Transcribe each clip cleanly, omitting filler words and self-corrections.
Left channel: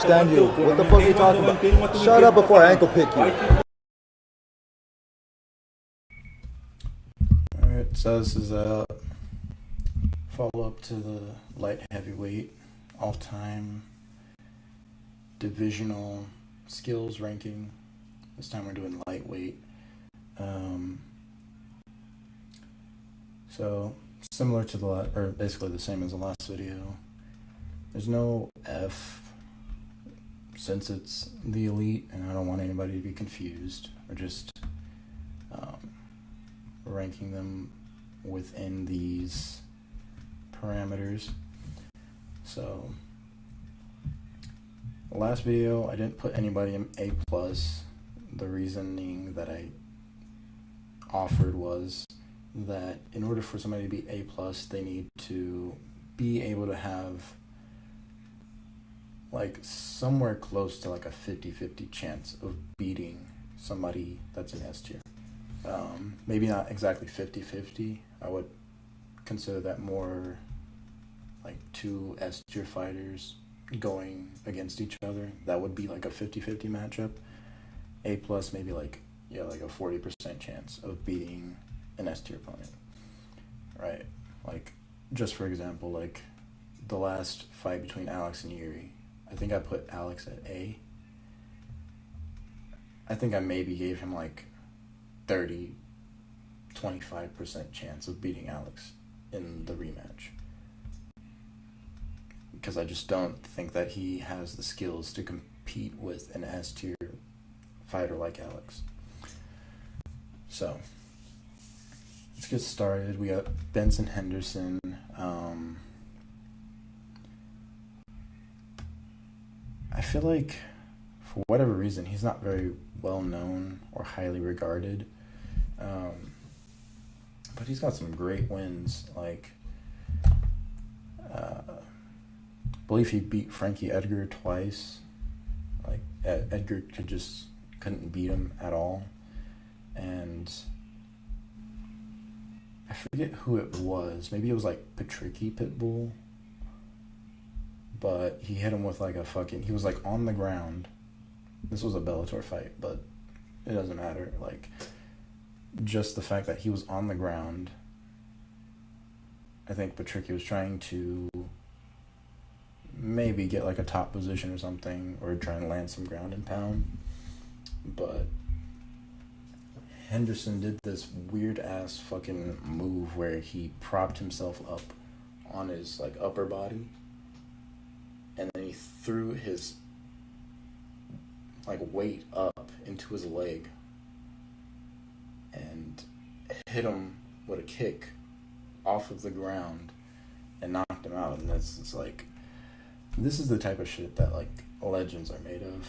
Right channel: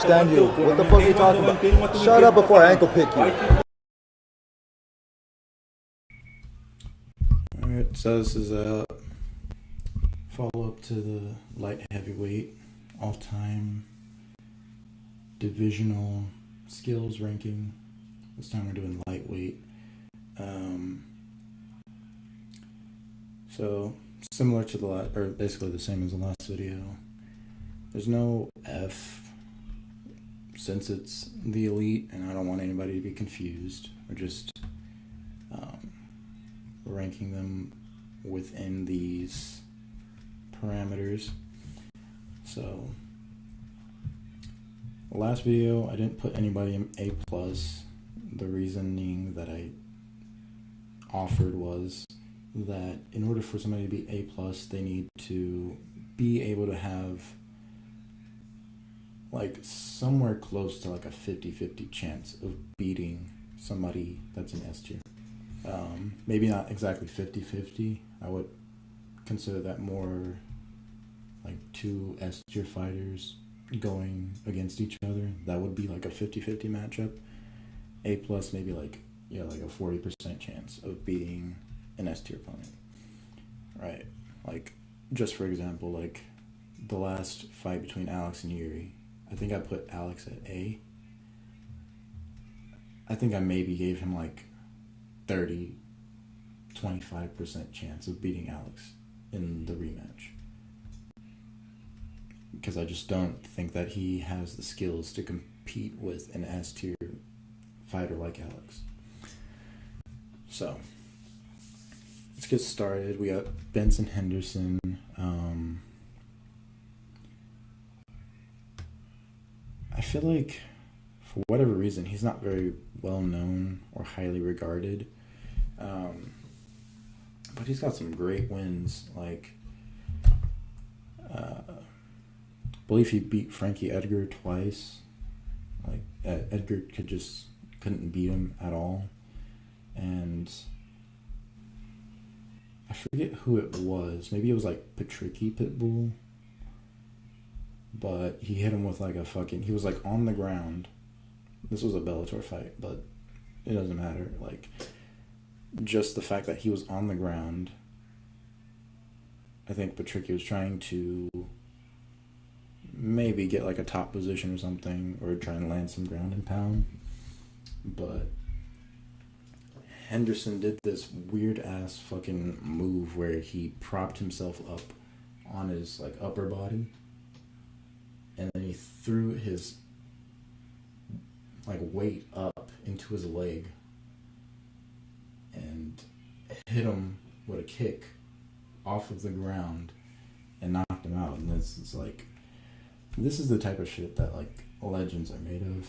understand you. What the fuck are you talking about? Shut up before I ankle pick you. Alright, so this is a follow-up to the light heavyweight all-time divisional skills ranking. This time we're doing lightweight. So similar to the last, or basically the same as the last video. There's no F since it's the elite, and I don't want anybody to be confused. We're just ranking them within these parameters. So the last video I didn't put anybody in A plus. The reasoning that I offered was that in order for somebody to be A plus, they need to be able to have like somewhere close to like a 50-50 chance of beating somebody that's in S tier. Maybe not exactly 50-50. I would consider that more like two S tier fighters going against each other. That would be like a 50-50 matchup. A plus maybe like a 40% chance of beating an S tier opponent. Right? Like, just for example, like the last fight between Alex and Yuri, I think I put Alex at A. I think I maybe gave him like 25% chance of beating Alex in the rematch. Because I just don't think that he has the skills to compete with an S tier fighter like Alex. So let's get started. We got Benson Henderson. I feel like for whatever reason he's not very well known or highly regarded, but he's got some great wins. Like I believe he beat Frankie Edgar twice. Like Edgar couldn't beat him at all. And I forget who it was. Maybe it was like Patricky Pitbull. But he hit him with like he was like on the ground. This was a Bellator fight, but it doesn't matter. Like, just the fact that he was on the ground. I think Patricky was trying to maybe get like a top position or something, or try and land some ground and pound. But Henderson did this weird ass fucking move where he propped himself up on his like upper body, and then he threw his like weight up into his leg and hit him with a kick off of the ground and knocked him out. And it's like, this is the type of shit that like legends are made of.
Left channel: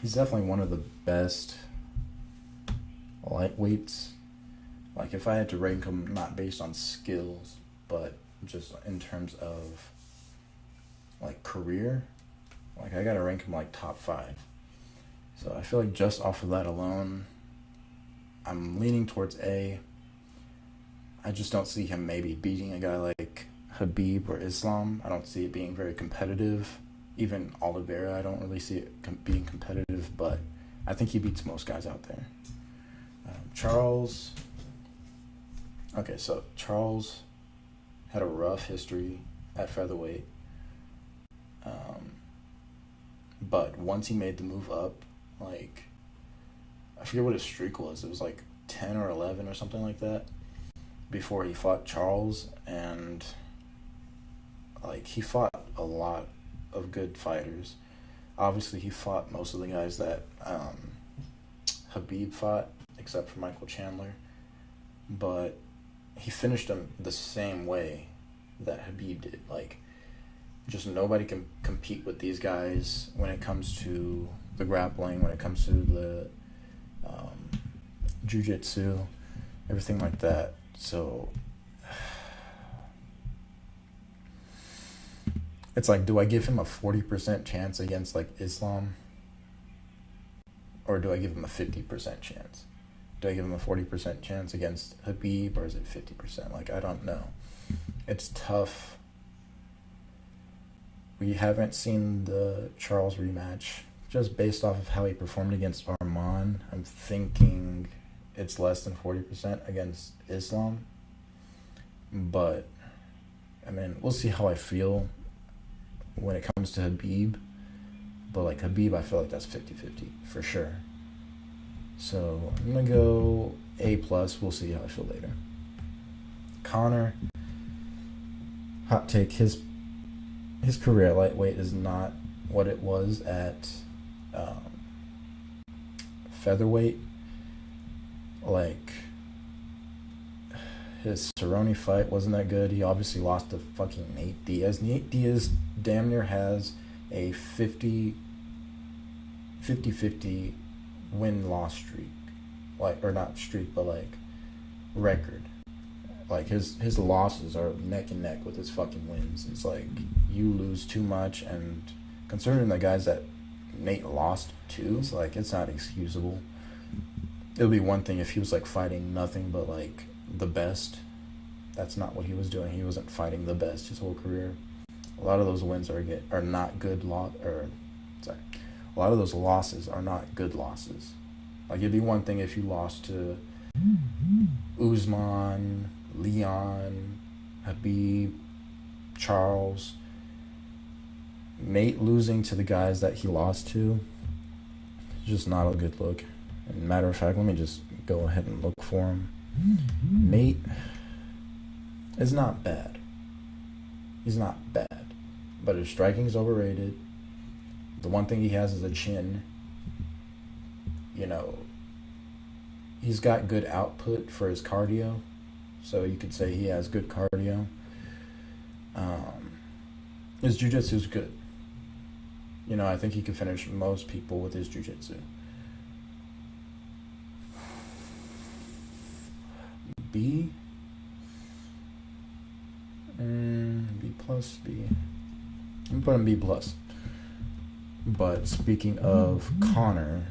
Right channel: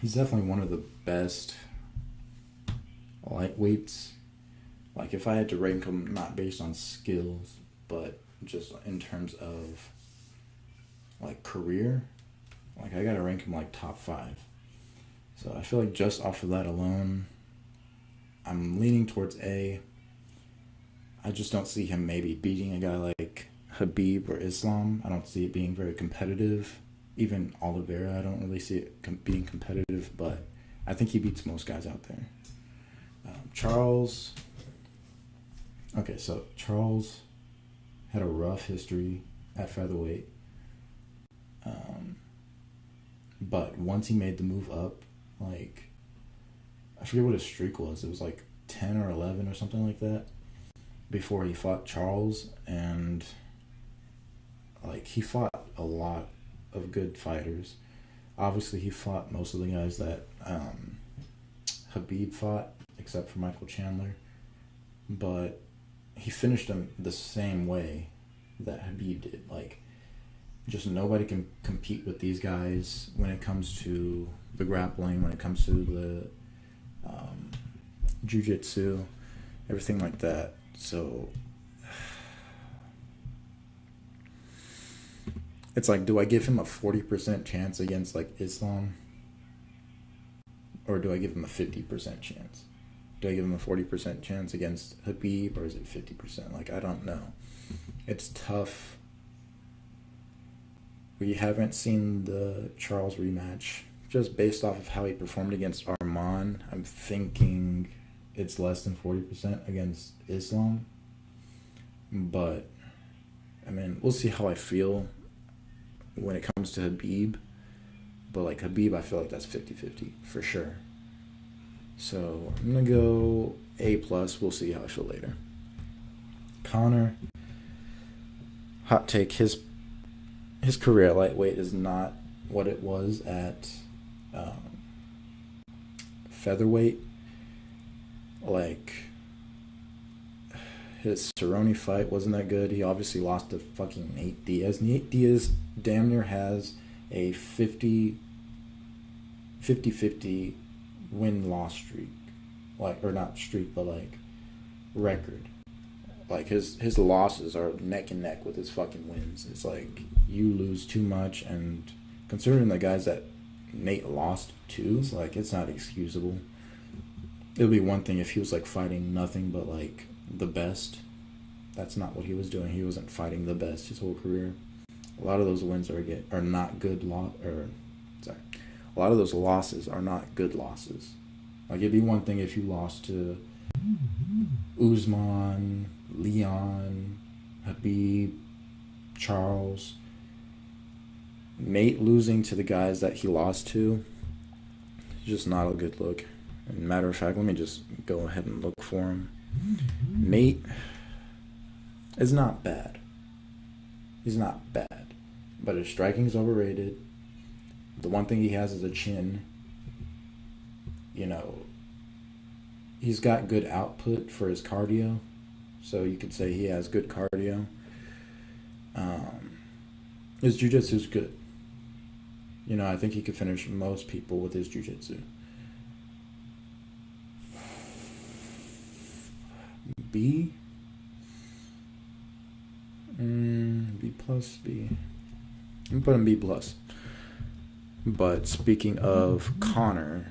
He's definitely one of the best lightweights. Like, if I had to rank him not based on skills, but just in terms of like career, like I gotta rank him like top 5. So I feel like just off of that alone, I'm leaning towards A. I just don't see him maybe beating a guy like Habib or Islam. I don't see it being very competitive. Even Oliveira, I don't really see it being competitive, but I think he beats most guys out there. Charles. Okay, so Charles had a rough history at featherweight. But once he made the move up, like, I forget what his streak was. It was like 10 or 11 or something like that before he fought Charles. And like, he fought a lot of good fighters. Obviously, he fought most of the guys that Habib fought, except for Michael Chandler. But he finished him the same way that Habib did. Like, just nobody can compete with these guys when it comes to the grappling, when it comes to the jiu-jitsu, everything like that. So it's like, do I give him a 40% chance against like Islam? Or do I give him a 50% chance? Do I give him a 40% chance against Habib, or is it 50%? Like, I don't know. It's tough We haven't seen the Charles rematch. Just based off of how he performed against Arman, I'm thinking it's less than 40% against Islam. But, I mean, we'll see how I feel when it comes to Habib. But, like, Habib, I feel like that's 50-50 for sure. So, I'm going to go A+. We'll see how I feel later. Conor, hot take, his career at lightweight is not what it was at featherweight. Like, his Cerrone fight wasn't that good. He obviously lost to fucking Nate Diaz. Nate Diaz damn near has a 50-50 win-loss streak. Like, or not streak, but like record. Like, his losses are neck and neck with his fucking wins. It's like, you lose too much, and considering the guys that Nate lost to, it's like, it's not excusable. It would be one thing if he was like fighting nothing but like the best. That's not what he was doing. He wasn't fighting the best his whole career. A lot of those wins are not good a lot of those losses are not good losses. Like, it'd be one thing if you lost to Usman, Leon, Habib, Charles. Nate losing to the guys that he lost to is just not a good look. And matter of fact, let me just go ahead and look for him. Nate is not bad. He's not bad. But his striking's overrated. The one thing he has is a chin. You know, he's got good output for his cardio. So you could say he has good cardio. His jiu-jitsu's good. You know, I think he could finish most people with his jiu-jitsu. B? B plus, B. I'm putting B plus. But speaking of Conor,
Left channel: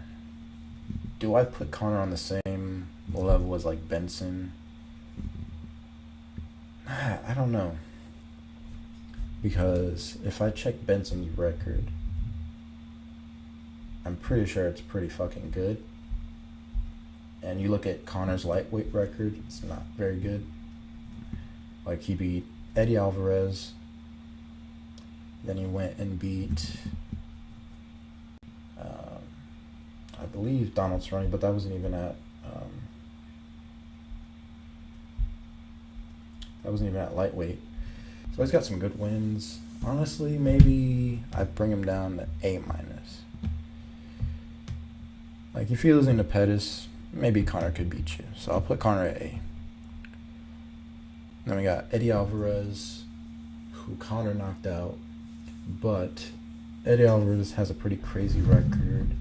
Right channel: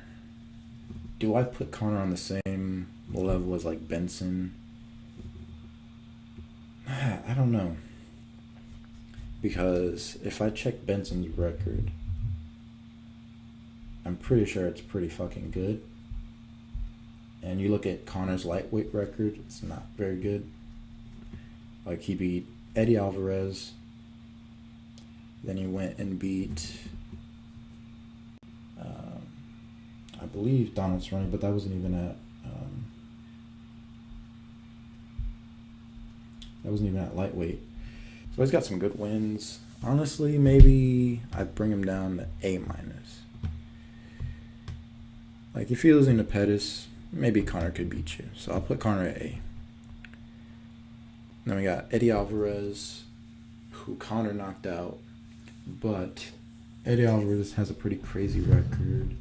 do I put Conor on the same level as like Benson? I don't know. Because if I check Benson's record, I'm pretty sure it's pretty fucking good. And you look at Conor's lightweight record, it's not very good. Like, he beat Eddie Alvarez. Then he went and beat, I believe, Donald Cerrone, but that wasn't even at lightweight. So he's got some good wins. Honestly, maybe I'd bring him down to A-. Like, if you're losing to Pettis, maybe Conor could beat you. So I'll put Conor at A. Then we got Eddie Alvarez, who Conor knocked out. But Eddie Alvarez has a pretty crazy record.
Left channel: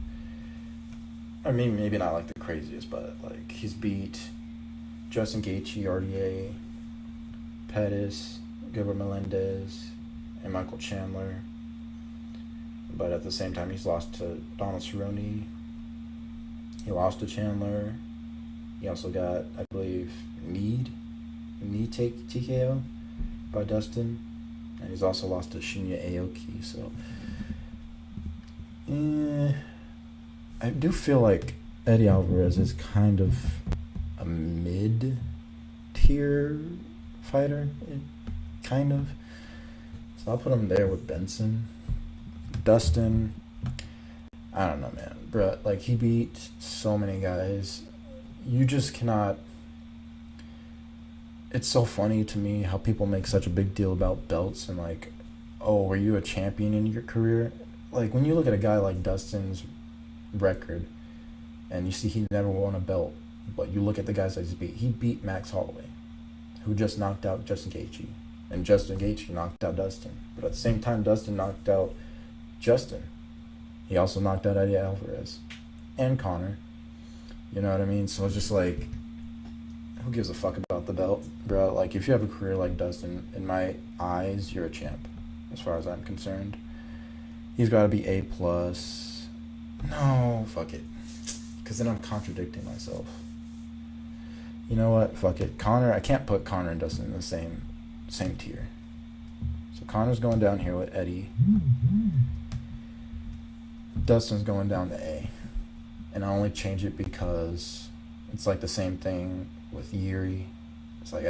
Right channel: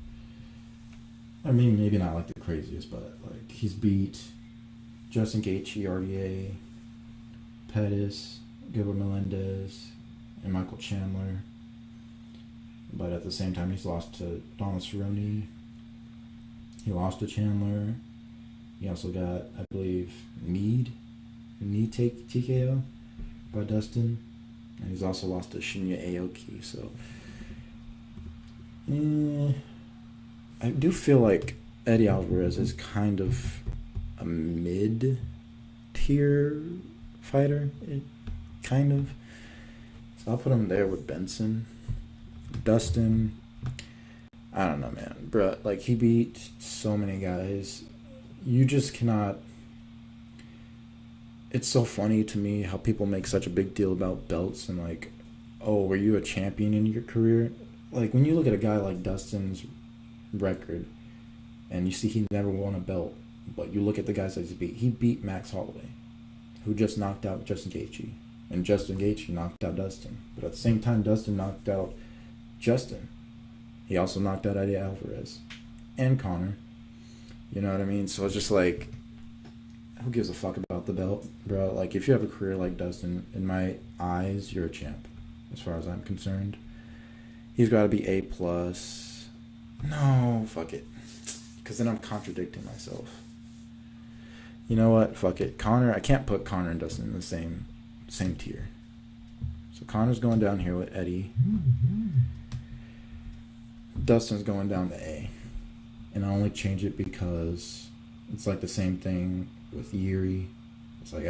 I mean, maybe not like the craziest, but like, he's beat Justin Gaethje, RDA, Pettis, Gilbert Melendez, and Michael Chandler. But at the same time, he's lost to Donald Cerrone. He lost to Chandler. He also got, I believe, knee TKO by Dustin. And he's also lost to Shinya Aoki. So, I do feel like Eddie Alvarez is kind of a mid-tier fighter. Kind of. So I'll put him there with Benson. Dustin, I don't know, man. Bruh, like, he beat so many guys. You just cannot... It's so funny to me how people make such a big deal about belts and, like, oh, were you a champion in your career? Like, when you look at a guy like Dustin's record and you see he never won a belt, but you look at the guys that he beat Max Holloway, who just knocked out Justin Gaethje, and Justin Gaethje knocked out Dustin. But at the same time, Dustin knocked out Justin. He also knocked out Eddie Alvarez and Conor. You know what I mean? So it's just like, who gives a fuck about the belt, bro? Like, if you have a career like Dustin, in my eyes, you're a champ, as far as I'm concerned. He's got to be A+. No, fuck it. Because then I'm contradicting myself. You know what? Fuck it. Conor, I can't put Conor and Dustin in the same tier. So Connor's going down here with Eddie. Dustin's going down to A. And I only change it because it's like the same thing with Yuri. It's like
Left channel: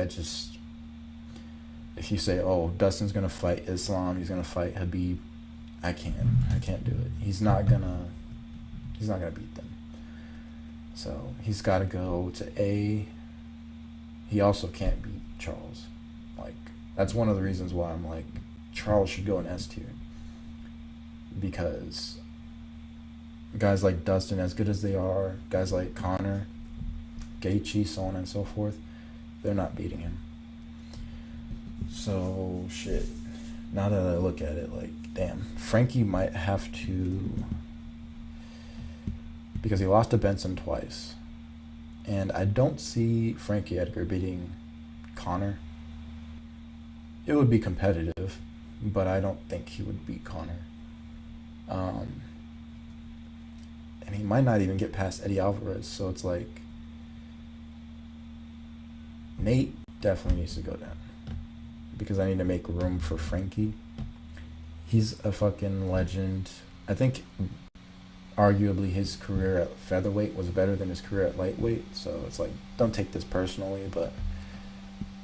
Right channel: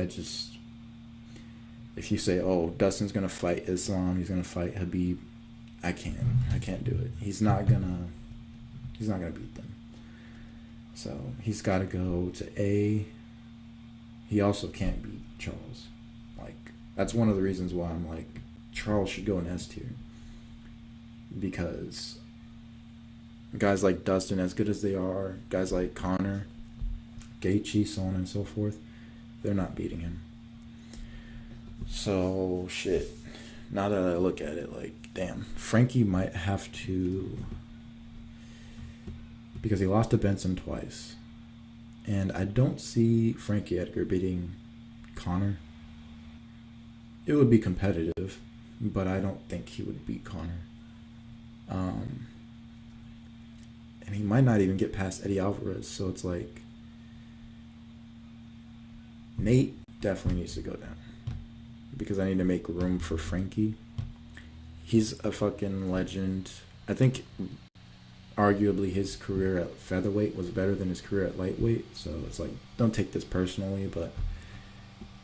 if you say, oh, Dustin's gonna fight Islam, he's gonna fight Habib, I can't do it. He's not gonna beat them. So he's got to go to A. He also can't beat Charles. Like, that's one of the reasons why I'm like, Charles should go in S tier. Because guys like Dustin, as good as they are, guys like Connor, Gaethje, so on and so forth, they're not beating him. So, shit. Now that I look at it, like, damn, Frankie might have to... Because he lost to Benson twice. And I don't see Frankie Edgar beating Connor. It would be competitive, but I don't think he would beat Connor. And he might not even get past Eddie Alvarez, so it's like... Nate definitely needs to go down. Because I need to make room for Frankie. He's a fucking legend. I think... arguably his career at featherweight was better than his career at lightweight, so it's like, don't take this personally, but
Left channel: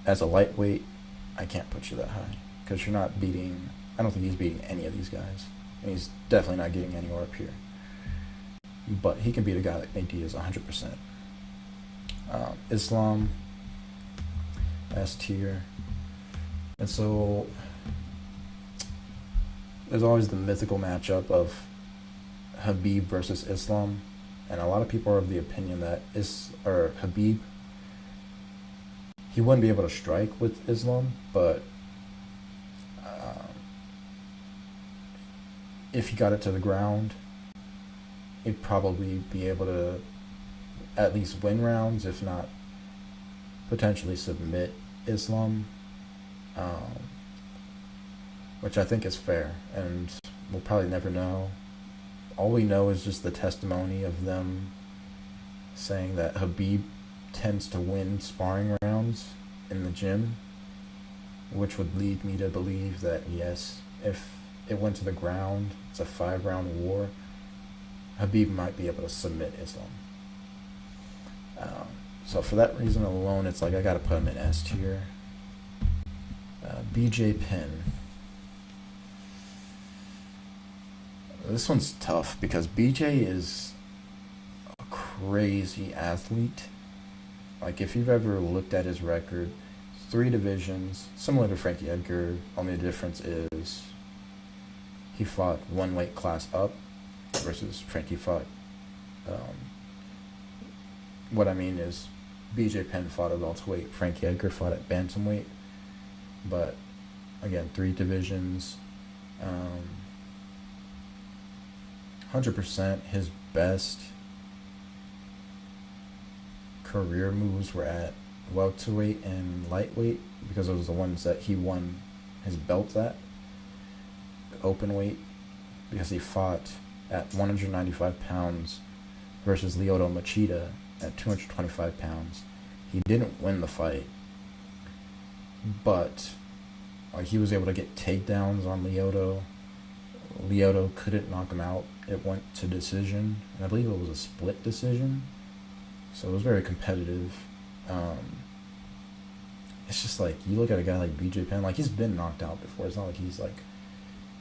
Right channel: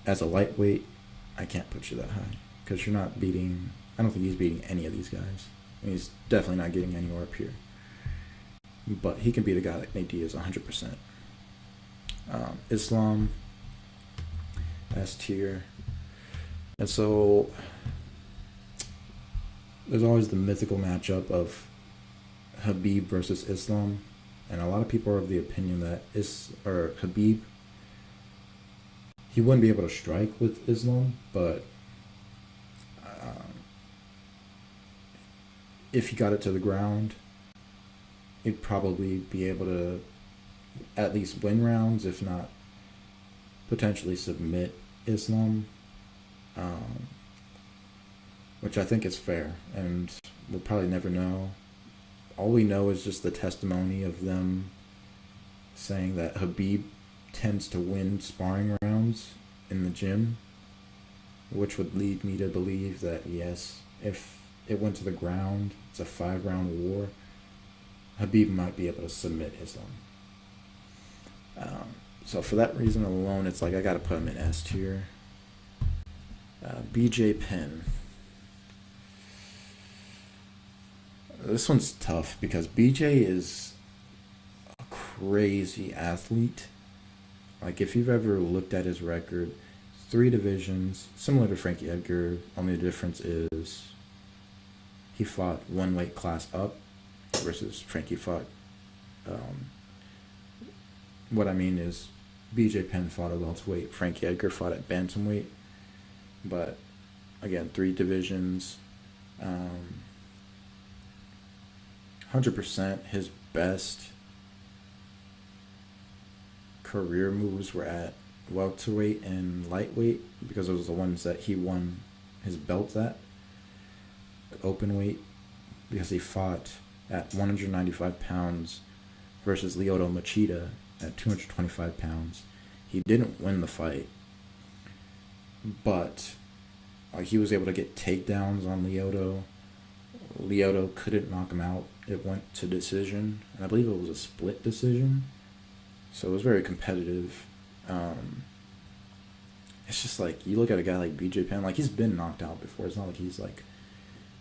as a lightweight, I can't put you that high, because you're not beating, I don't think he's beating any of these guys, and he's definitely not getting anywhere up here, but he can beat a guy like Nate Diaz 100%. Islam, S tier, and so there's always the mythical matchup of Habib versus Islam, and a lot of people are of the opinion that Habib, he wouldn't be able to strike with Islam, but if he got it to the ground, he'd probably be able to at least win rounds, if not potentially submit Islam, which I think is fair, and we'll probably never know. All we know is just the testimony of them saying that Habib tends to win sparring rounds in the gym, which would lead me to believe that, yes, if it went to the ground, it's a 5-round war, Habib might be able to submit Islam. So for that reason alone, it's like I got to put him in S tier. BJ Penn. This one's tough because BJ is a crazy athlete. Like, if you've ever looked at his record, 3 divisions, similar to Frankie Edgar, only the difference is he fought 1 weight class up versus Frankie fought... what I mean is BJ Penn fought at welterweight, Frankie Edgar fought at bantamweight, but again, 3 divisions. 100% his best career moves were at welterweight and lightweight, because those are the ones that he won his belts at. Open weight, because he fought at 195 pounds versus Lyoto Machida at 225 pounds. He didn't win the fight, but he was able to get takedowns on Lyoto. Lyoto couldn't knock him out. It went to decision, and I believe it was a split decision, so it was very competitive. It's just like, you look at a guy like BJ Penn, like, he's been knocked out before. It's not like he's like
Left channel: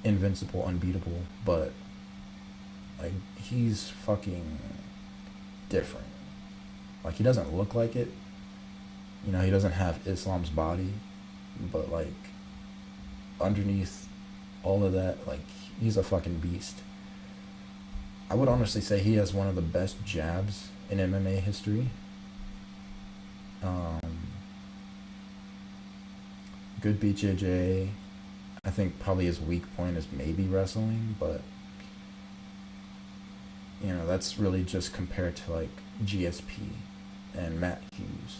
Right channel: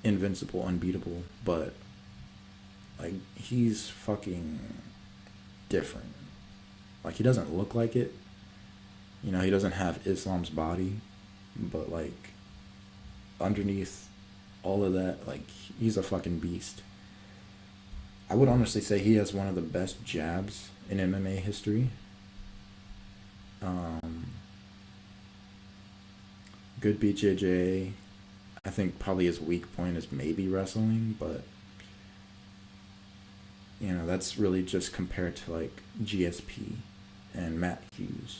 invincible, unbeatable, but like, he's fucking different. Like, he doesn't look like it, you know, he doesn't have Islam's body, but like, underneath all of that, like, he's a fucking beast. I would honestly say he has one of the best jabs in MMA history. Good BJJ. I think probably his weak point is maybe wrestling, but you know, that's really just compared to like GSP and Matt Hughes,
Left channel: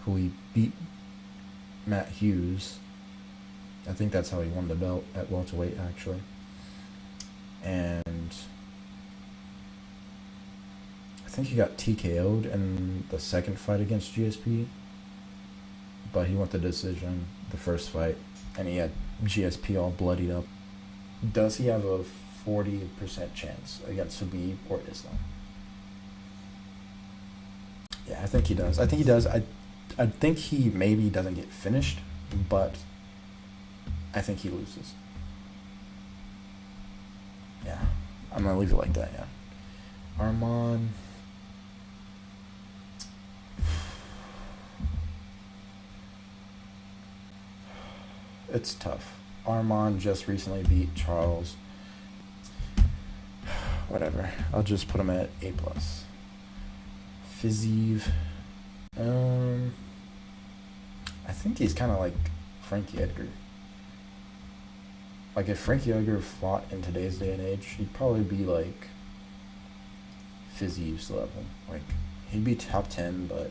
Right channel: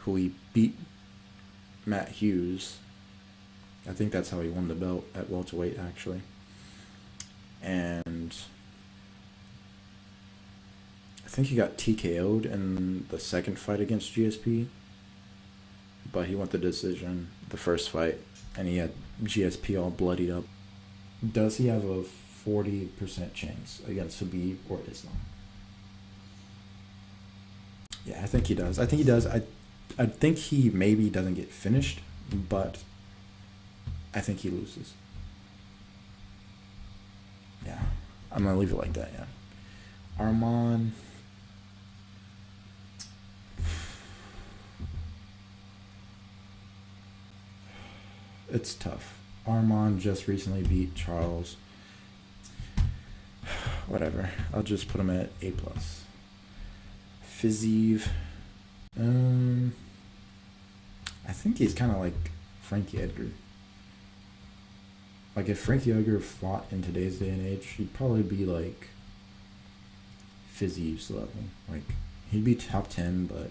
who he beat. Matt Hughes, I think that's how he won the belt at welterweight, actually. And I think he got TKO'd in the second fight against GSP, but he won the decision the first fight, and he had GSP all bloodied up. Does he have a 40% chance against Habib or Islam? Yeah, I think he does. I think he does. I think he maybe doesn't get finished, but I think he loses. Yeah, I'm gonna leave it like that. Yeah, Arman. It's tough. Arman just recently beat Charles. Whatever. I'll just put him at A+. Fiziev. I think he's kind of like Frankie Edgar. Like if Frankie Edgar fought in today's day and age, he'd probably be like Fiziev's level. Like he'd be top 10, but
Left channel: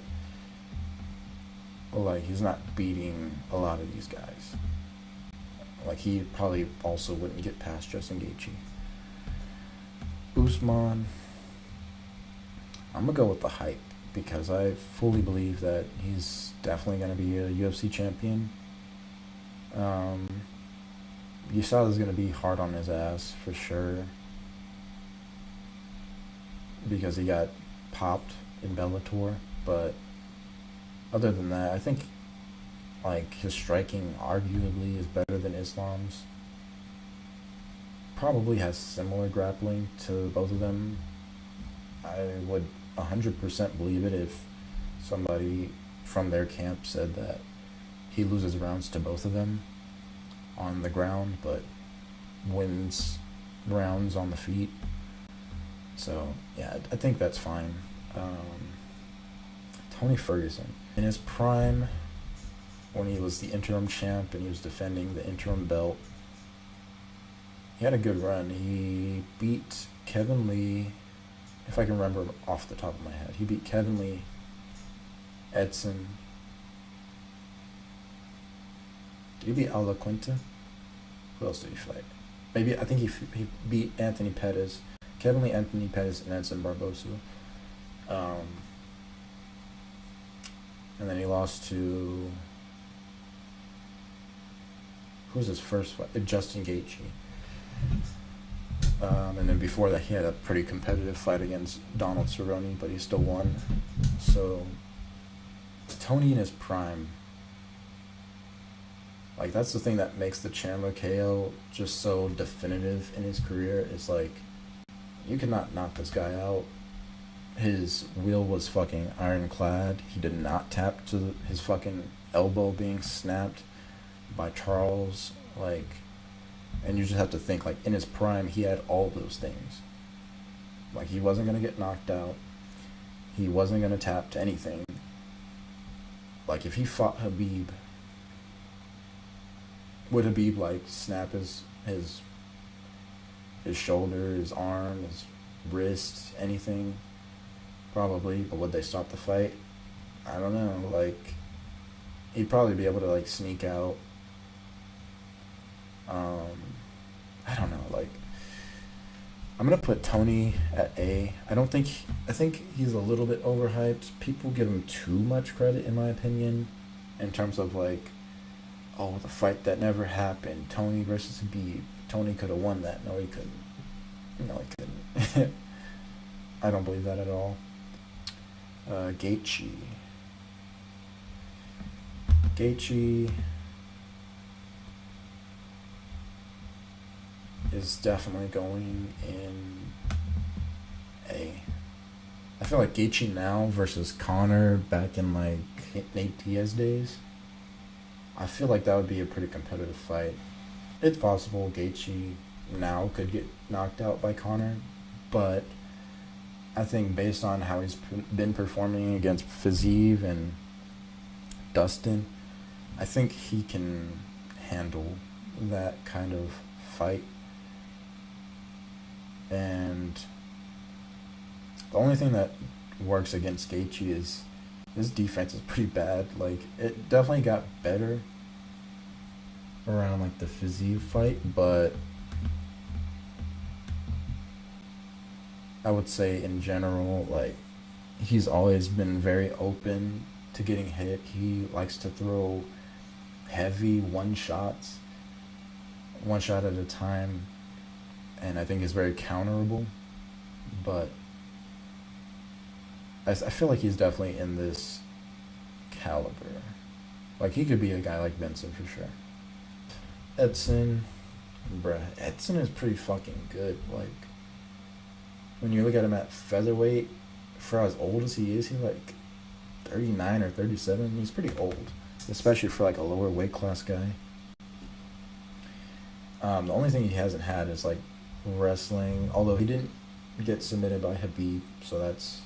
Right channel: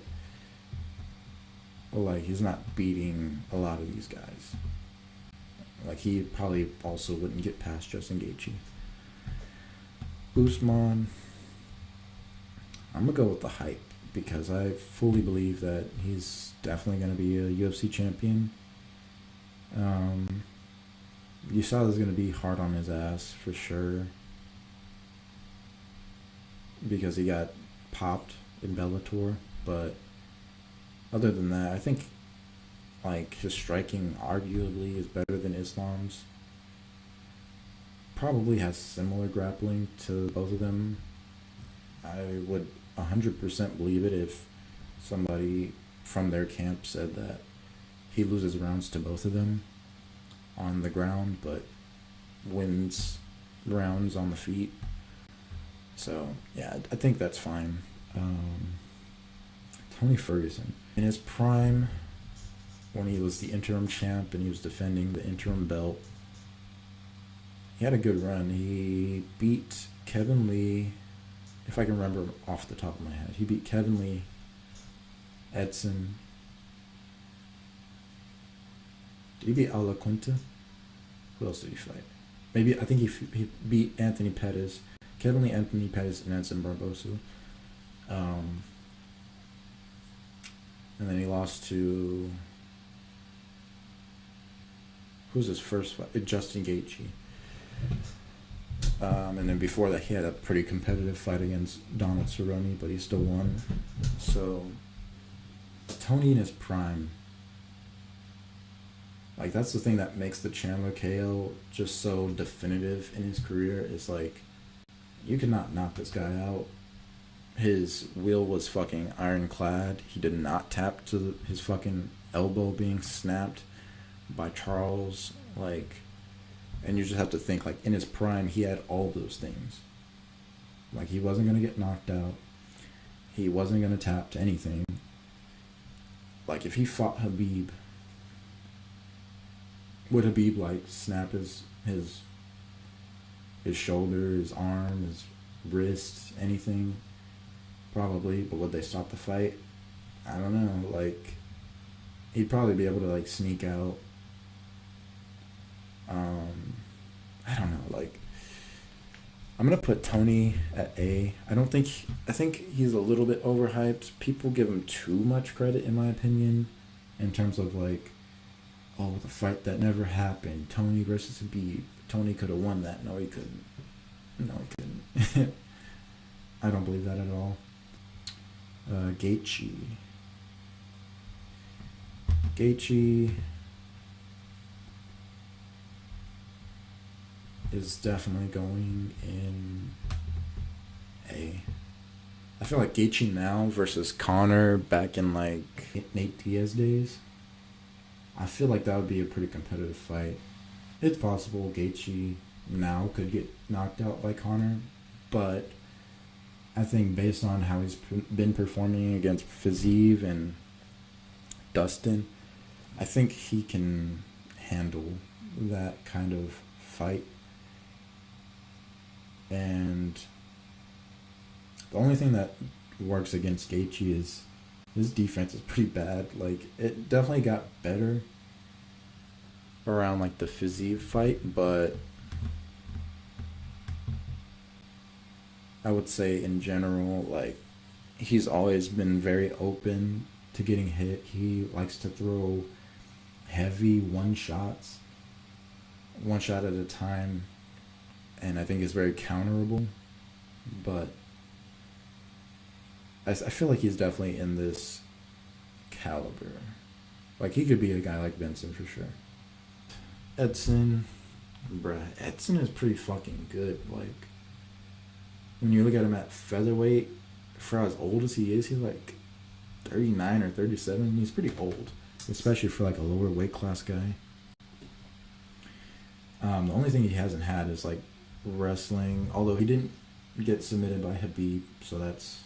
like he's not beating a lot of these guys. Like he probably also wouldn't get past Justin Gaethje. Usman, I'm gonna go with the hype because I fully believe that he's definitely gonna be a UFC champion. You saw it was gonna be hard on his ass for sure because he got popped in Bellator, but other than that, I think like his striking arguably is better than Islam's. Probably has similar grappling to both of them. I would 100% believe it if somebody from their camp said that he loses rounds to both of them on the ground, but wins rounds on the feet. So yeah, I think that's fine. Tony Ferguson in his prime, when he was the interim champ and he was defending the interim belt, he had a good run. He beat Kevin Lee, if I can remember off the top of my head. He beat Kevin Lee, Edson. Did he beat Ala Quinta? Who else did he fight? Maybe, I think he beat Anthony Pettis. Kevin Lee, Anthony Pettis, and Edson Barbosa. And then he lost to... Who was his first fight? Justin Gaethje. And then before that, he had a pretty competitive fight against Donald Cerrone, but he still won. So, Tony in his prime, like that's the thing that makes the Chandler KO just so definitive in his career. It's like, you cannot knock this guy out. His wheel was fucking ironclad. He did not tap to his fucking elbow being snapped by Charles. Like, and you just have to think, like, in his prime, he had all those things. Like, he wasn't going to get knocked out. He wasn't going to tap to anything. Like, if he fought Habib, would Habib, like, snap his shoulder, his arm, his wrist, anything? Probably. But would they stop the fight? I don't know. Like, he'd probably be able to, like, sneak out. I don't know, like, I'm gonna put Tony at A. I think he's a little bit overhyped. People give him too much credit, in my opinion, in terms of like, oh, the fight that never happened, Tony versus Habib. Tony could have won that. No, he couldn't. No, he couldn't. I don't believe that at all. Gaethje is definitely going in A. I feel like Gaethje now versus Conor back in like Nate Diaz days, I feel like that would be a pretty competitive fight. It's possible Gaethje now could get knocked out by Conor, but I think based on how he's been performing against Fiziev and Dustin, I think he can handle that kind of fight. And the only thing that works against Gaethje is his defense is pretty bad. Like, it definitely got better around like the Fiziev fight, but I would say in general, like, he's always been very open to getting hit. He likes to throw heavy one shots, one shot at a time, and I think is very counterable. But I feel like he's definitely in this caliber. Like, he could be a guy like Vincent for sure. Edson, bruh, Edson is pretty fucking good. Like, when you look at him at featherweight, for as old as he is, he's like 39 or 37. He's pretty old, especially for like a lower weight class guy. The only thing he hasn't had is like wrestling, although he didn't get submitted by Habib, so that's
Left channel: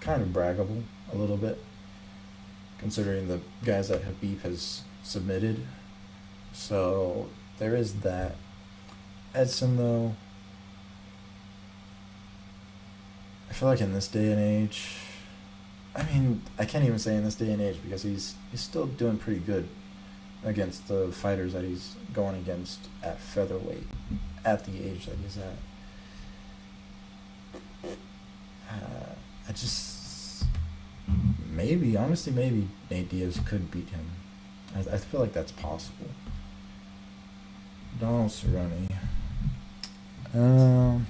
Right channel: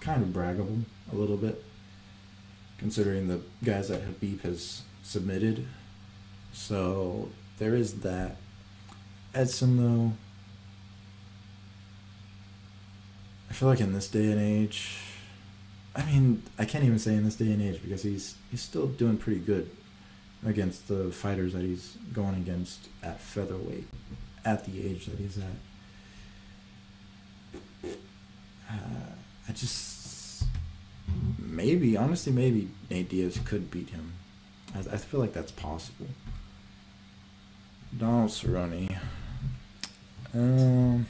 kind of braggable a little bit, considering the guys that Habib has submitted. So there is that. Edson, though, I feel like in this day and age, I mean, I can't even say in this day and age, because he's still doing pretty good against the fighters that he's going against at featherweight at the age that he's at. I just honestly, maybe Nate Diaz could beat him. I feel like that's possible. Donald Cerrone. I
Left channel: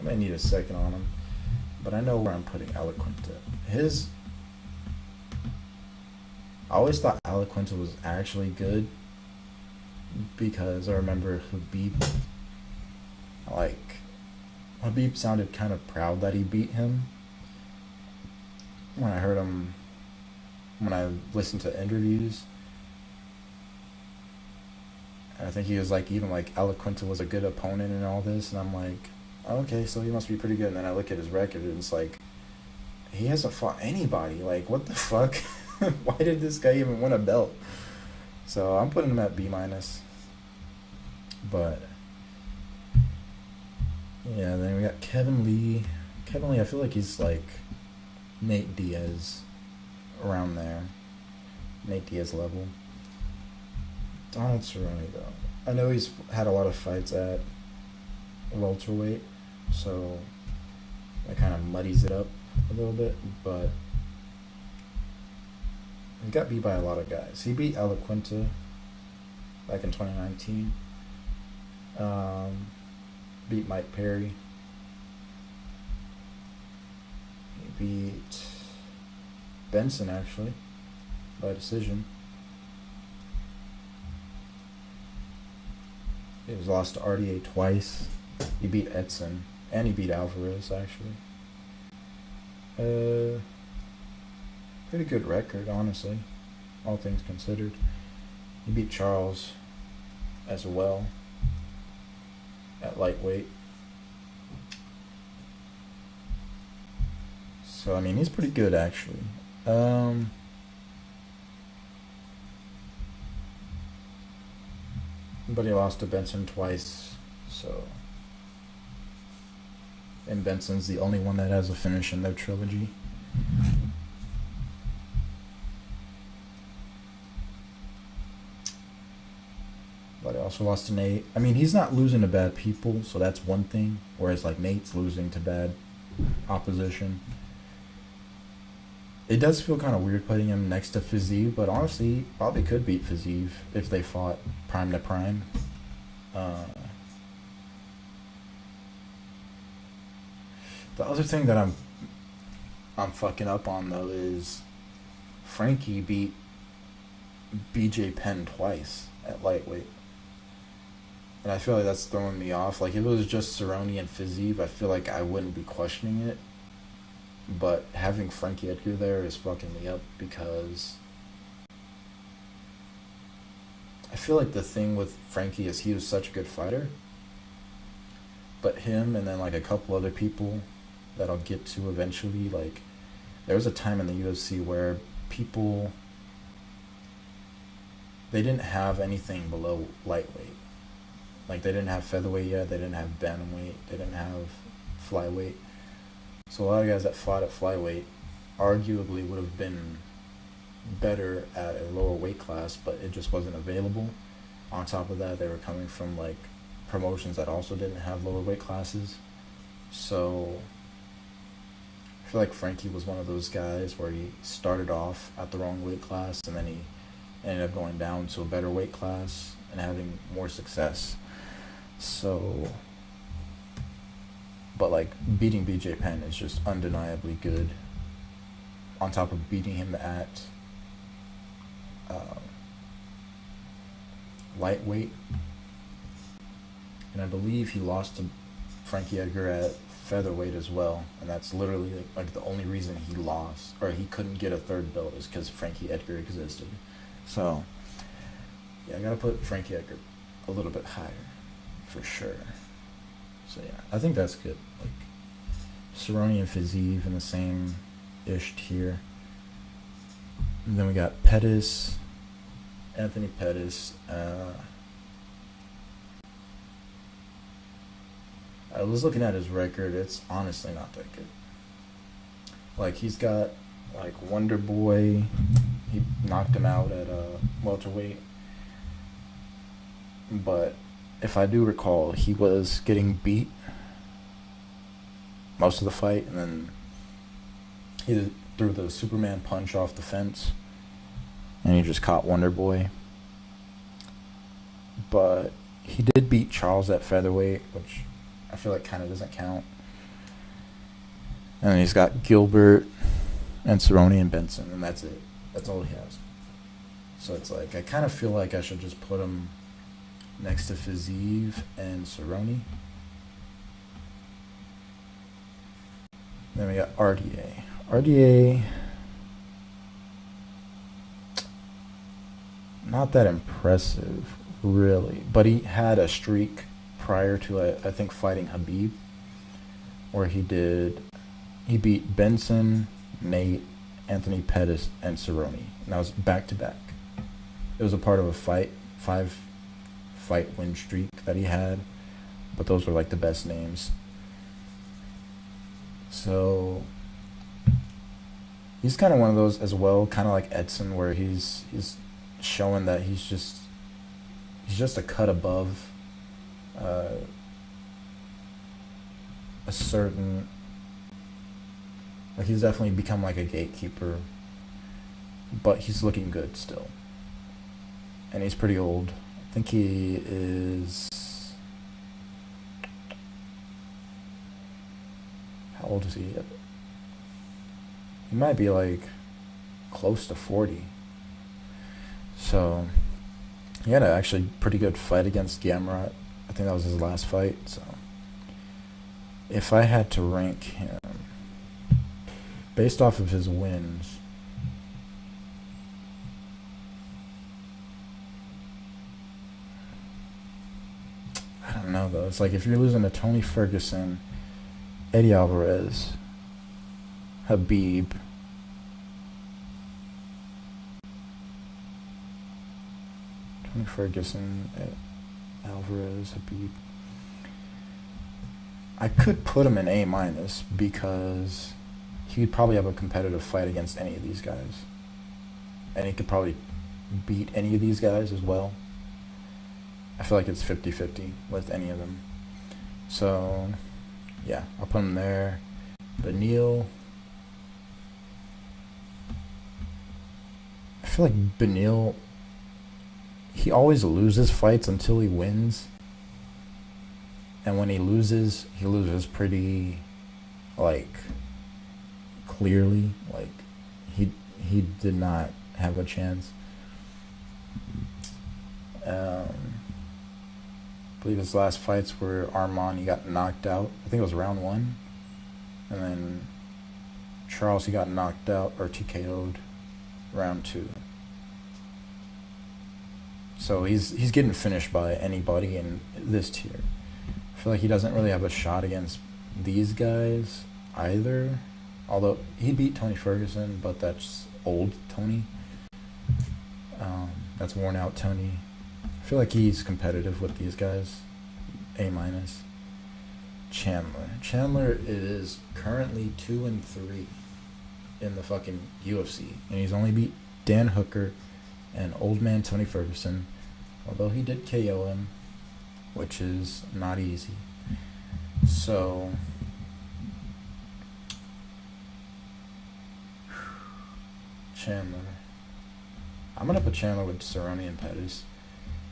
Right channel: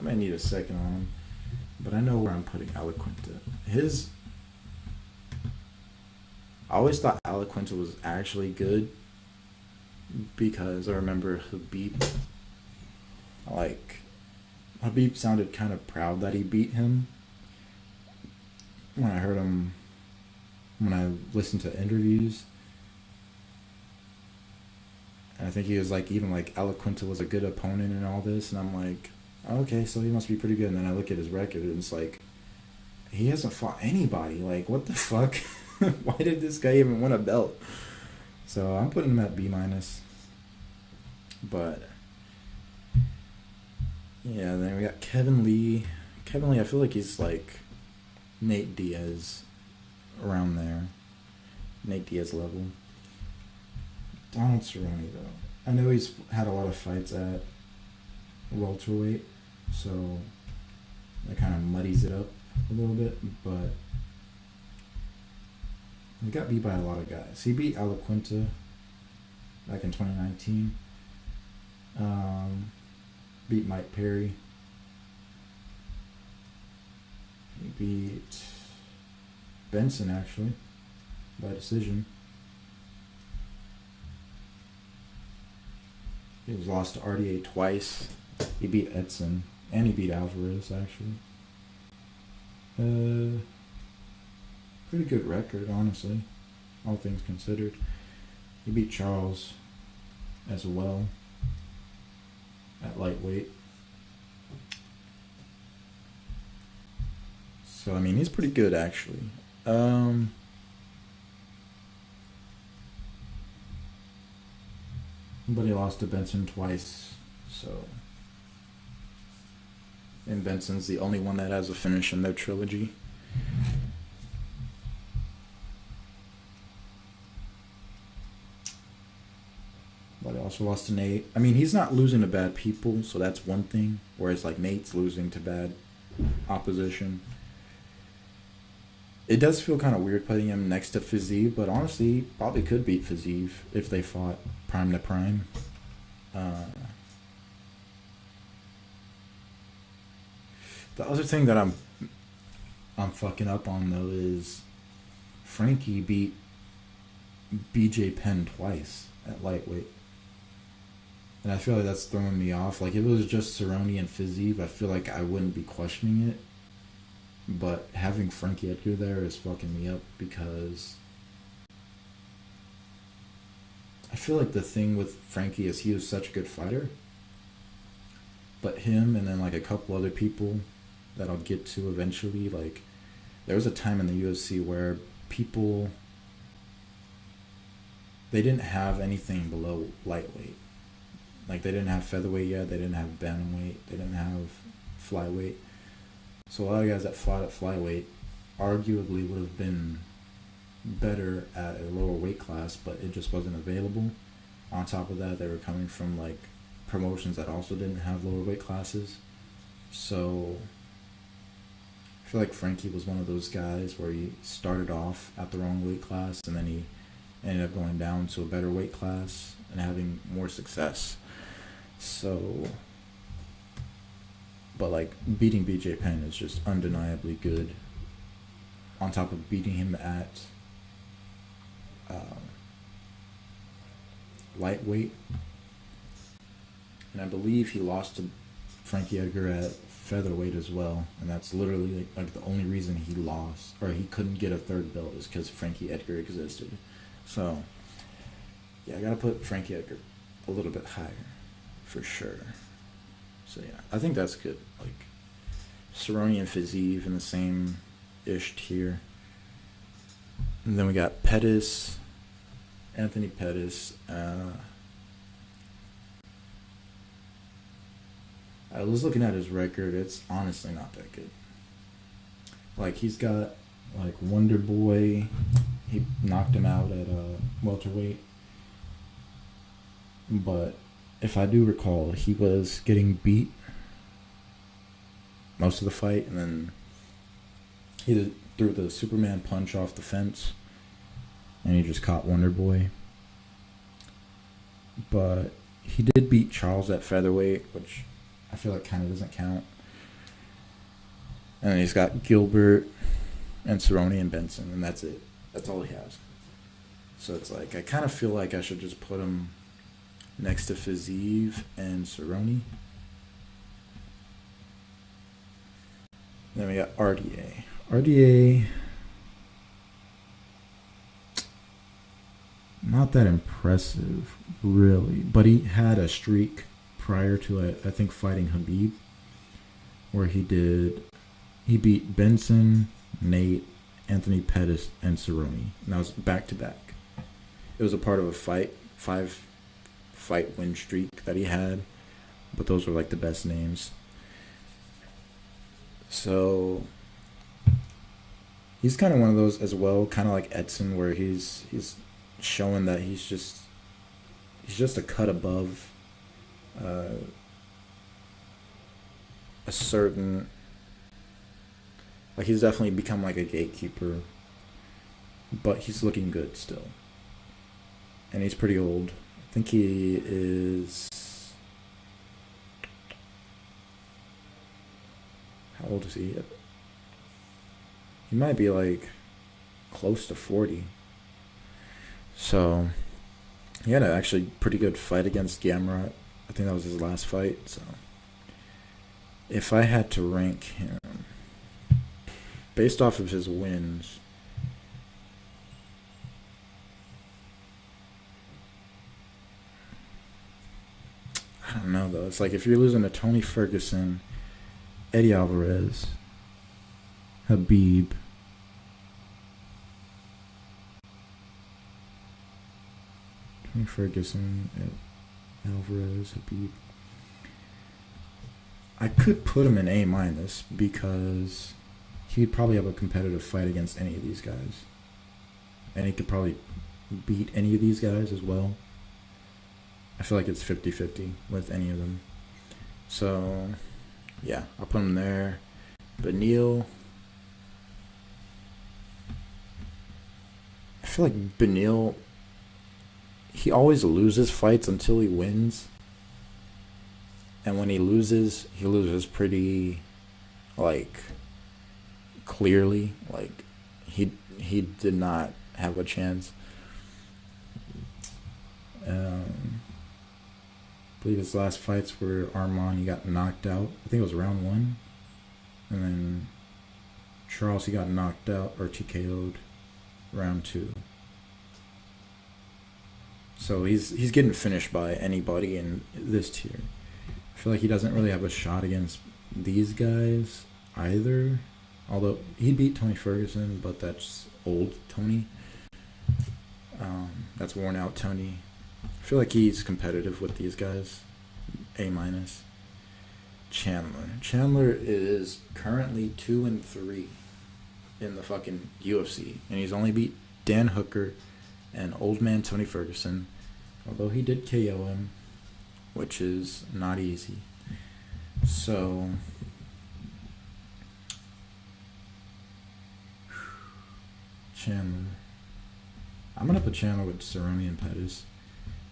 might need a second on him, but I know where I'm putting Alaquinta. I always thought Alaquinta was actually good, because I remember Habib sounded kind of proud that he beat him. When I listened to interviews, and I think he was like, even like Alaquinta was a good opponent and all this, and I'm like, okay, so he must be pretty good. And then I look at his record, and it's like, he hasn't fought anybody. Like, what the fuck? Why did this guy even win a belt? So I'm putting him at B-. But yeah, then we got Kevin Lee. Kevin Lee, I feel like he's like Nate Diaz, around there. Nate Diaz level. Donald Cerrone, though, I know he's had a lot of fights at welterweight, so that kind of muddies it up a little bit, but he got beat by a lot of guys. He beat Alaquinta back in 2019. Beat Mike Perry. He beat Benson, actually, by decision. He was lost to RDA twice. He beat Edson, and he beat Alvarez, actually. Pretty good record, honestly, all things considered. He beat Charles as well at lightweight. So, I mean, he's pretty good, actually. But he lost to Benson twice, so... And Benson's the only one that has a finish in their trilogy. But he also lost to Nate. I mean, he's not losing to bad people, so that's one thing. Whereas, like, Nate's losing to bad opposition. It does feel kind of weird putting him next to Fiziev, but honestly, he probably could beat Fiziev if they fought prime to prime. The other thing that I'm fucking up on, though, is Frankie beat BJ Penn twice at lightweight. And I feel like that's throwing me off. Like, if it was just Cerrone and Fiziev, I feel like I wouldn't be questioning it. But having Frankie Edgar there is fucking me up, because I feel like the thing with Frankie is he was such a good fighter. But him and then like a couple other people that I'll get to eventually, like, there was a time in the UFC where people, they didn't have anything below lightweight. Like, they didn't have featherweight yet, they didn't have bantamweight, they didn't have flyweight. So a lot of guys that fought at flyweight arguably would have been better at a lower weight class, but it just wasn't available. On top of that, they were coming from like promotions that also didn't have lower weight classes. So feel like Frankie was one of those guys where he started off at the wrong weight class and then he ended up going down to a better weight class and having more success. So, but like beating BJ Penn is just undeniably good. On top of beating him at lightweight, and I believe he lost to Frankie Edgar at featherweight as well, and that's literally like the only reason he lost or he couldn't get a third belt is because Frankie Edgar existed. So yeah, I gotta put Frankie Edgar a little bit higher for sure. So yeah, I think that's good. Like Cerrone and Fiziev in the same ish tier. And then we got Pettis, Anthony Pettis. I was looking at his record. It's honestly not that good. Like he's got like Wonder Boy. He knocked him out at welterweight. But if I do recall, he was getting beat most of the fight, and then he threw the Superman punch off the fence, and he just caught Wonder Boy. But he did beat Charles at featherweight, which I feel like kind of doesn't count. And then he's got Gilbert and Cerrone and Benson, and that's it. That's all he has. So it's like I kind of feel like I should just put him next to Fiziev and Cerrone. Then we got RDA. RDA, not that impressive, really. But he had a streak prior to, I think, fighting Khabib, where he beat Benson, Nate, Anthony Pettis, and Cerrone. And that was back-to-back. It was a part of a five-fight win streak that he had, but those were like the best names. So he's kind of one of those as well, kind of like Edson, where he's showing that he's just a cut above a certain, like he's definitely become like a gatekeeper, but he's looking good still, and he's pretty old. I think he is, how old is he? He might be like close to 40. So he had an actually pretty good fight against Gamrot. I think that was his last fight. So if I had to rank him based off of his wins, I don't know though. It's like if you're losing to Tony Ferguson, Eddie Alvarez, Khabib, Tony Ferguson, Alvarez, Khabib, I could put him in A- because he'd probably have a competitive fight against any of these guys, and he could probably beat any of these guys as well. I feel like it's 50-50 with any of them. So yeah, I'll put him there. Beneil, I feel like Beneil, he always loses fights until he wins. And when he loses pretty, like, clearly. Like, he did not have a chance. I believe his last fights were Armand, he got knocked out. I think it was round 1. And then Charles, he got knocked out or TKO'd round 2. So he's getting finished by anybody in this tier. I feel like he doesn't really have a shot against these guys either. Although he beat Tony Ferguson, but that's old Tony. That's worn out Tony. I feel like he's competitive with these guys. A-. Chandler is currently 2-3 in the fucking UFC, and he's only beat Dan Hooker and old man Tony Ferguson, although he did KO him, which is not easy. So Chandler. I'm gonna put Chandler with Cerrone and Pettis.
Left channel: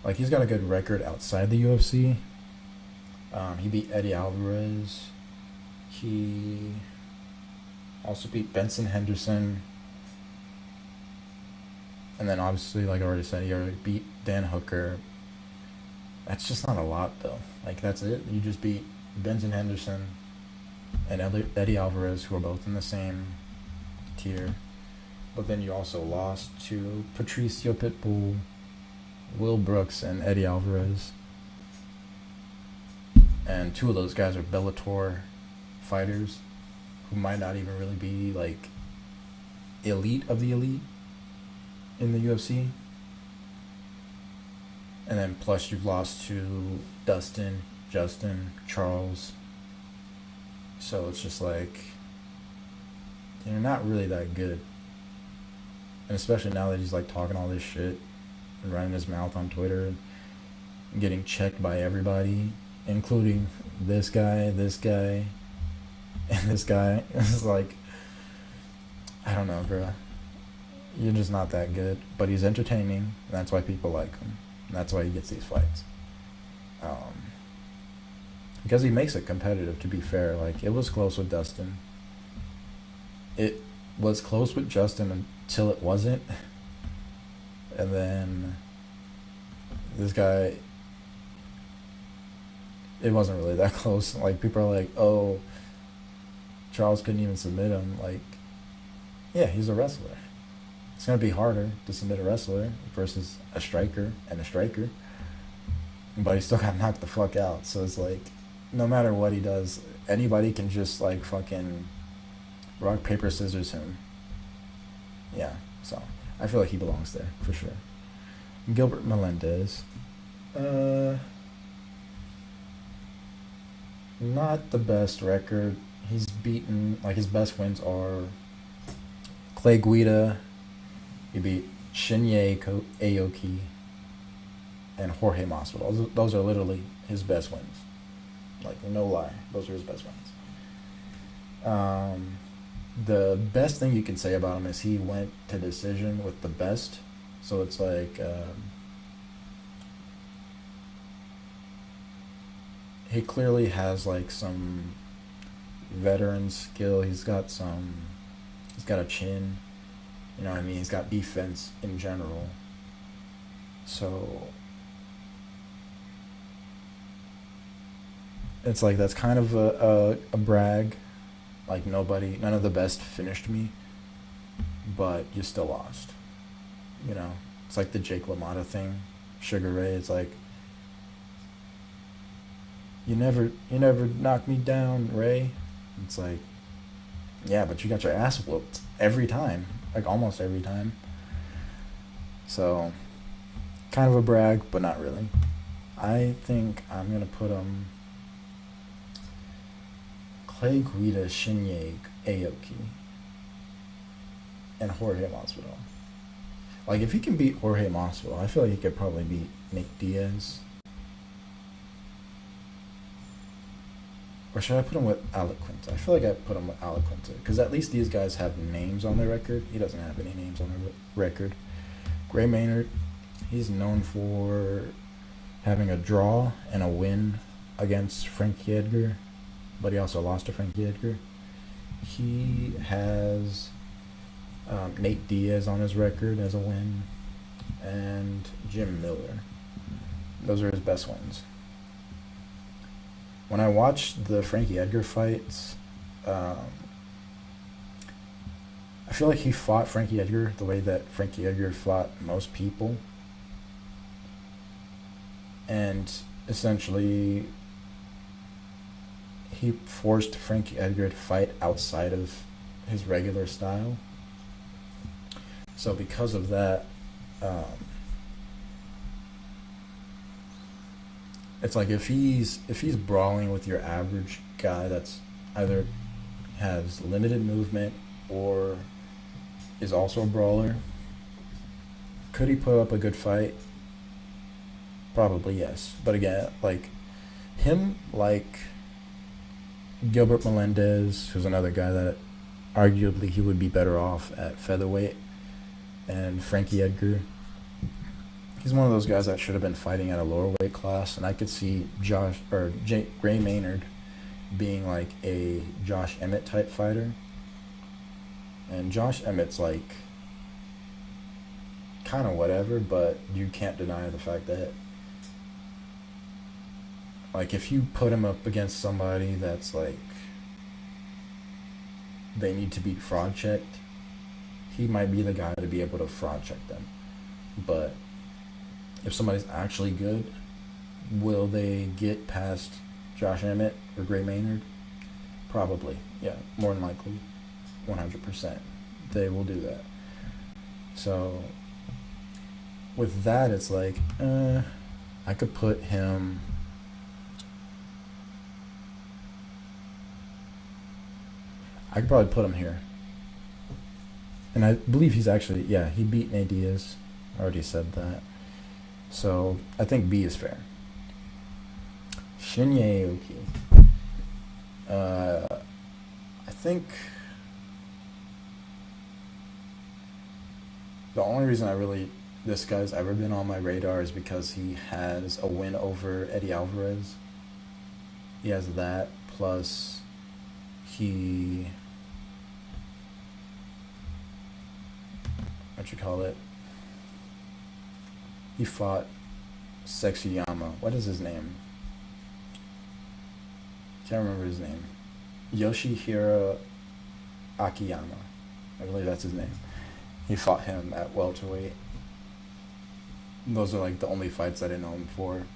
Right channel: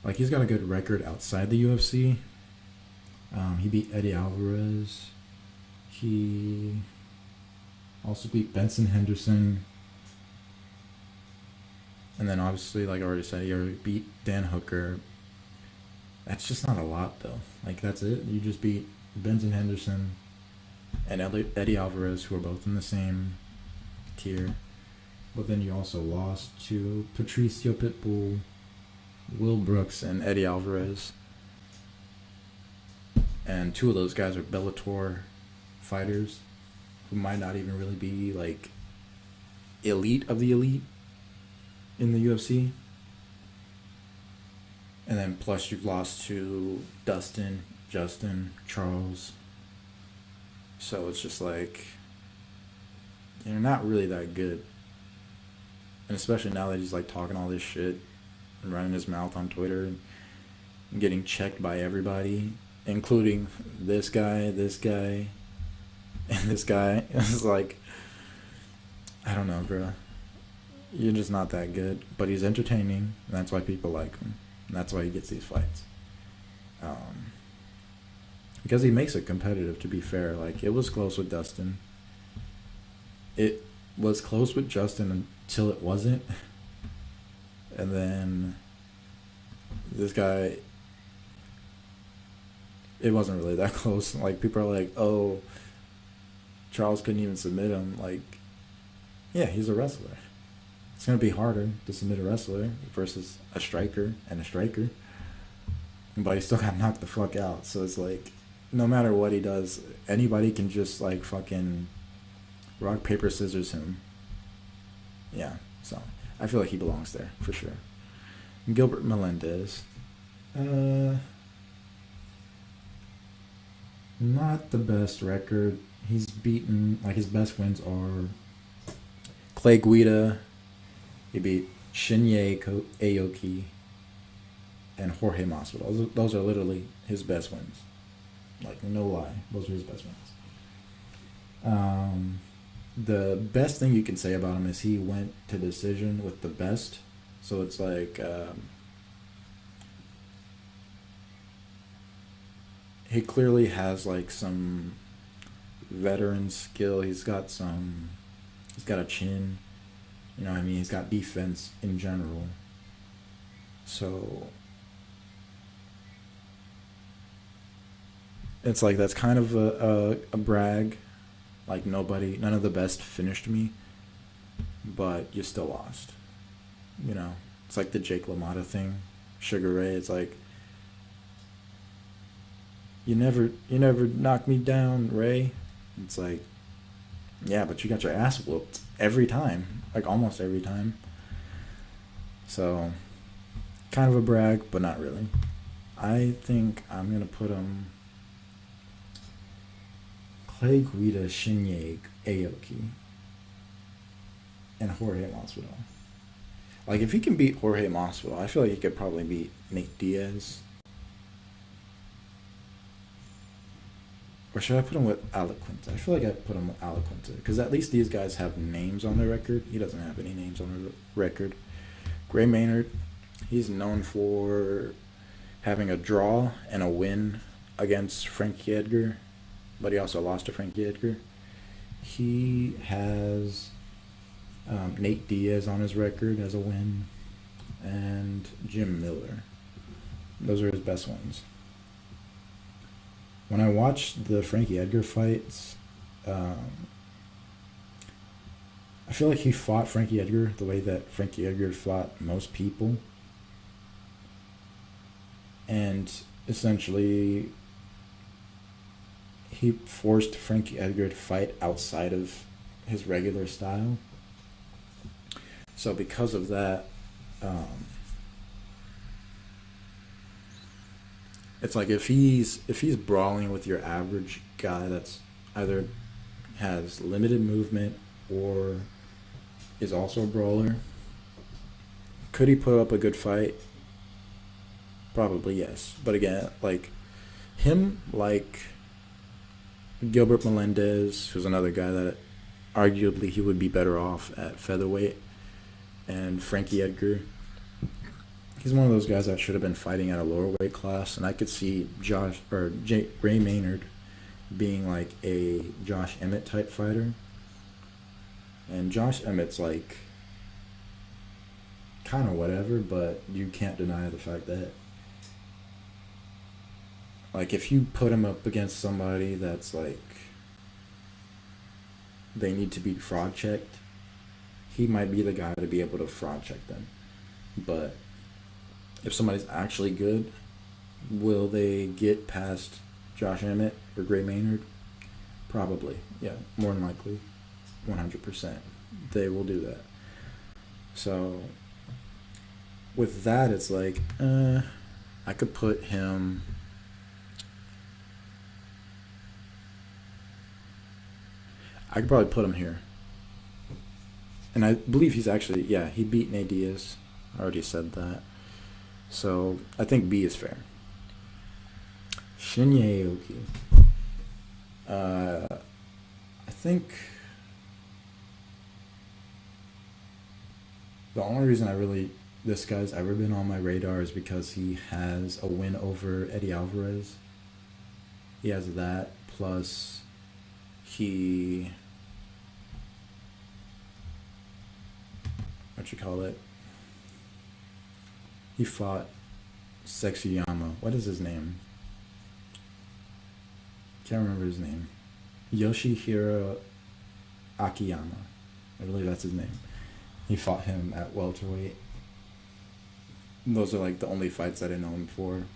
Like, he's got a good record outside the UFC. He beat Eddie Alvarez. He also beat Benson Henderson. And then obviously, like I already said, he already beat Dan Hooker. That's just not a lot, though. Like, that's it. You just beat Benson Henderson and Eddie Alvarez, who are both in the same tier. But then you also lost to Patricio Pitbull, Will Brooks, and Eddie Alvarez. And two of those guys are Bellator fighters who might not even really be, like, elite of the elite in the UFC. And then plus you've lost to Dustin, Justin, Charles. So it's just like, you're not really that good. And especially now that he's like talking all this shit and running his mouth on Twitter and getting checked by everybody, including this guy, and this guy. It's like, I don't know, bro. You're just not that good. But he's entertaining, and that's why people like him. And that's why he gets these fights. Because he makes it competitive, to be fair. Like, it was close with Dustin. It was close with Justin until it wasn't. And then this guy, it wasn't really that close. Like, people are like, oh, Charles couldn't even submit him. Like, yeah, he's a wrestler. It's going to be harder to submit a wrestler versus a striker and a striker. But he still got knocked the fuck out. So it's like, no matter what he does, anybody can just, like, fucking rock, paper, scissors him. Yeah, so I feel like he belongs there, for sure. Gilbert Melendez. Not the best record. He's beaten, like, his best wins are Clay Guida. He beat Shinya Aoki and Jorge Masvidal. Those are literally his best wins. Like, no lie. Those are his best wins. The best thing you can say about him is he went to decision with the best. So it's like, he clearly has, like, some veteran skill. He's got a chin. You know what I mean? He's got defense in general. So it's like, that's kind of a brag. Like, none of the best finished me, but you still lost. You know, it's like the Jake LaMotta thing, Sugar Ray. It's like, you never knocked me down, Ray. It's like, yeah, but you got your ass whooped every time, like almost every time. So, kind of a brag, but not really. I think I'm gonna put him Clay Guida, Shinya Aoki, and Jorge Masvidal. Like, if he can beat Jorge Masvidal, I feel like he could probably beat Nate Diaz. Or should I put him with Alec Quinta? I feel like I put him with Alec Quinta, because at least these guys have names on their record. He doesn't have any names on their record. Gray Maynard, he's known for having a draw and a win against Frankie Edgar, but he also lost to Frankie Edgar. He has Nate Diaz on his record as a win, and Jim Miller. Those are his best wins. When I watched the Frankie Edgar fights, I feel like he fought Frankie Edgar the way that Frankie Edgar fought most people. And essentially, he forced Frankie Edgar to fight outside of his regular style. So because of that, it's like, if he's brawling with your average guy that's either has limited movement or is also a brawler, could he put up a good fight? Probably yes. But again, like him, like Gilbert Melendez, who's another guy that arguably he would be better off at featherweight, and Frankie Edgar, He's one of those guys that should have been fighting at a lower weight class, and I could see Gray Maynard being like a Josh Emmett type fighter. And Josh Emmett's like kind of whatever, but you can't deny the fact that like if you put him up against somebody that's like they need to be fraud checked, he might be the guy to be able to fraud check them. But if somebody's actually good, will they get past Josh Emmett or Gray Maynard? Probably. Yeah, more than likely. 100%. They will do that. So, with that, it's like, I could put him... I could probably put him here. And I believe he's actually... Yeah, he beat Nate Diaz. I already said that. So, I think B is fair. Shinya Aoki. I think the only reason this guy's ever been on my radar is because he has a win over Eddie Alvarez. He has that, plus he... He fought Sexyama. What is his name? Can't remember his name. Yoshihiro Akiyama. I believe that's his name. He fought him at welterweight. Those are like the only fights that I know him for.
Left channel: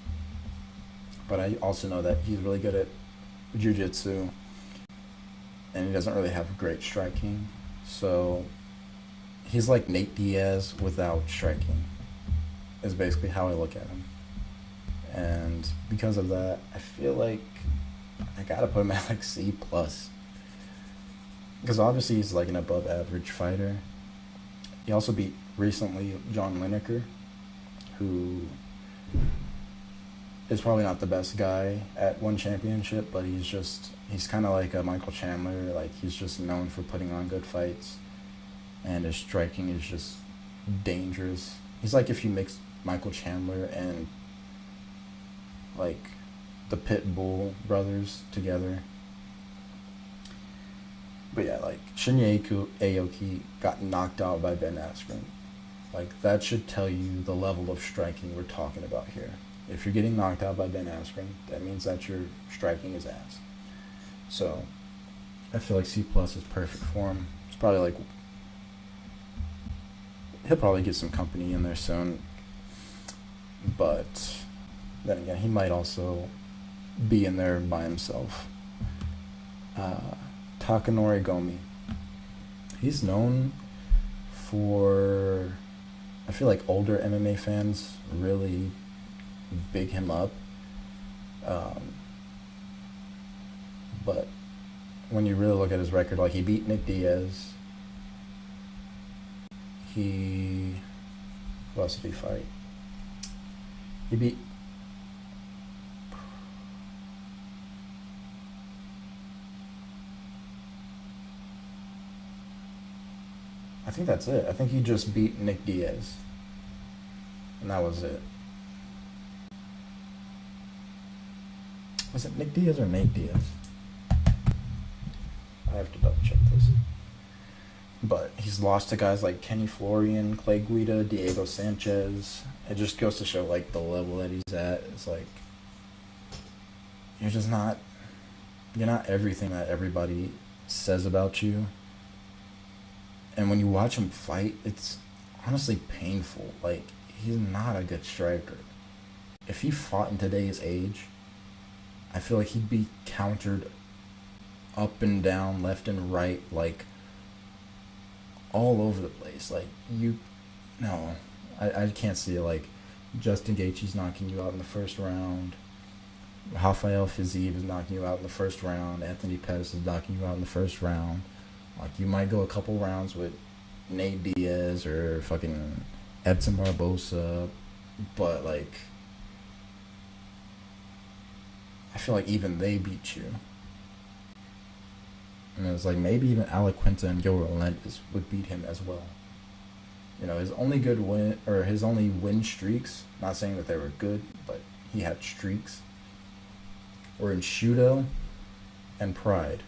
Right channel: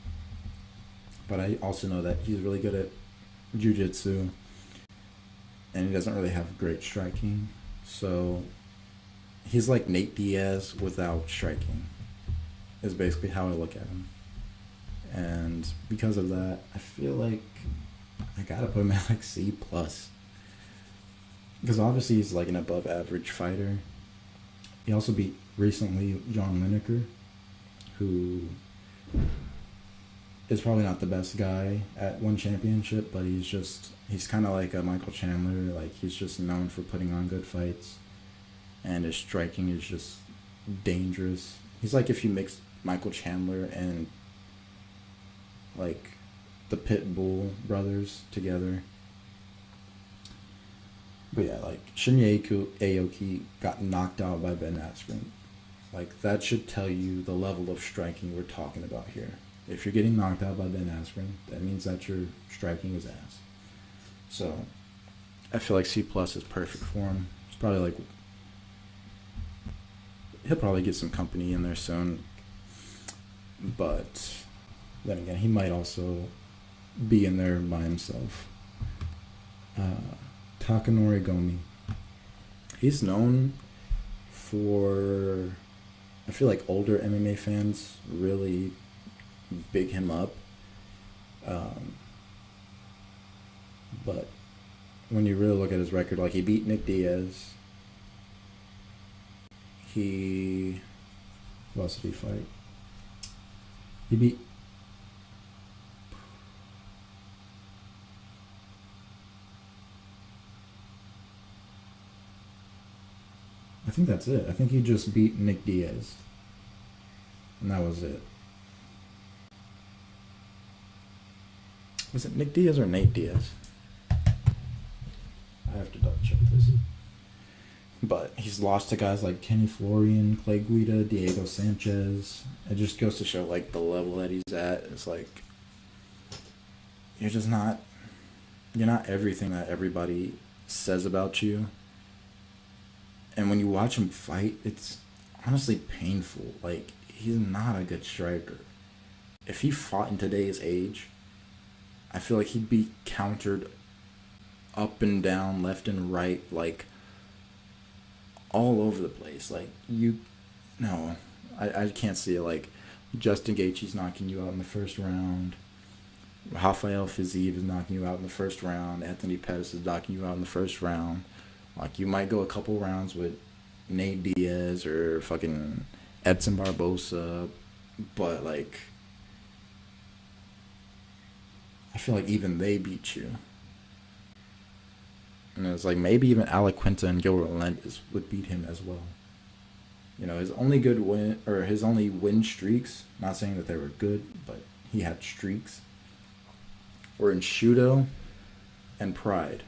But I also know that he's really good at jiu-jitsu. And he doesn't really have great striking. So he's like Nate Diaz without striking. Is basically how I look at him. And because of that, I feel like I gotta put him at like C+. Because obviously he's like an above average fighter. He also beat recently John Lineker, who is probably not the best guy at one championship, but he's kind of like a Michael Chandler. Like, he's just known for putting on good fights, and his striking is just dangerous. He's like if you mix Michael Chandler and like the Pitbull brothers together. But yeah, like Shinya Aoki got knocked out by Ben Askren. Like, that should tell you the level of striking we're talking about here. If you're getting knocked out by Ben Askren, that means that your striking is ass. So I feel like C+ is perfect for him. It's probably like he'll probably get some company in there soon. But then again, he might also be in there by himself. Takanori Gomi. He's known for... I feel like older MMA fans really big him up. But when you really look at his record, like, he beat Nick Diaz. Who else did he fight? He beat... I think that's it. I think he just beat Nick Diaz. And that was it. Was it Nick Diaz or Nate Diaz? I have to double check this. But he's lost to guys like Kenny Florian, Clay Guida, Diego Sanchez. It just goes to show, like, the level that he's at. It's like, you're not everything that everybody says about you. And when you watch him fight, it's honestly painful. Like, he's not a good striker. If he fought in today's age, I feel like he'd be countered up and down, left and right, like, all over the place. Like, I can't see it. Like, Justin Gaethje's knocking you out in the first round. Rafael Fiziev is knocking you out in the first round. Anthony Pettis is knocking you out in the first round. Like, you might go a couple rounds with Nate Diaz or fucking Edson Barbosa, but, like, I feel like even they beat you. And it's like maybe even Alec Quinta and Gil Melendez would beat him as well. You know, his only good win, or his only win streaks, not saying that they were good, but he had streaks, were in Shudo and Pride.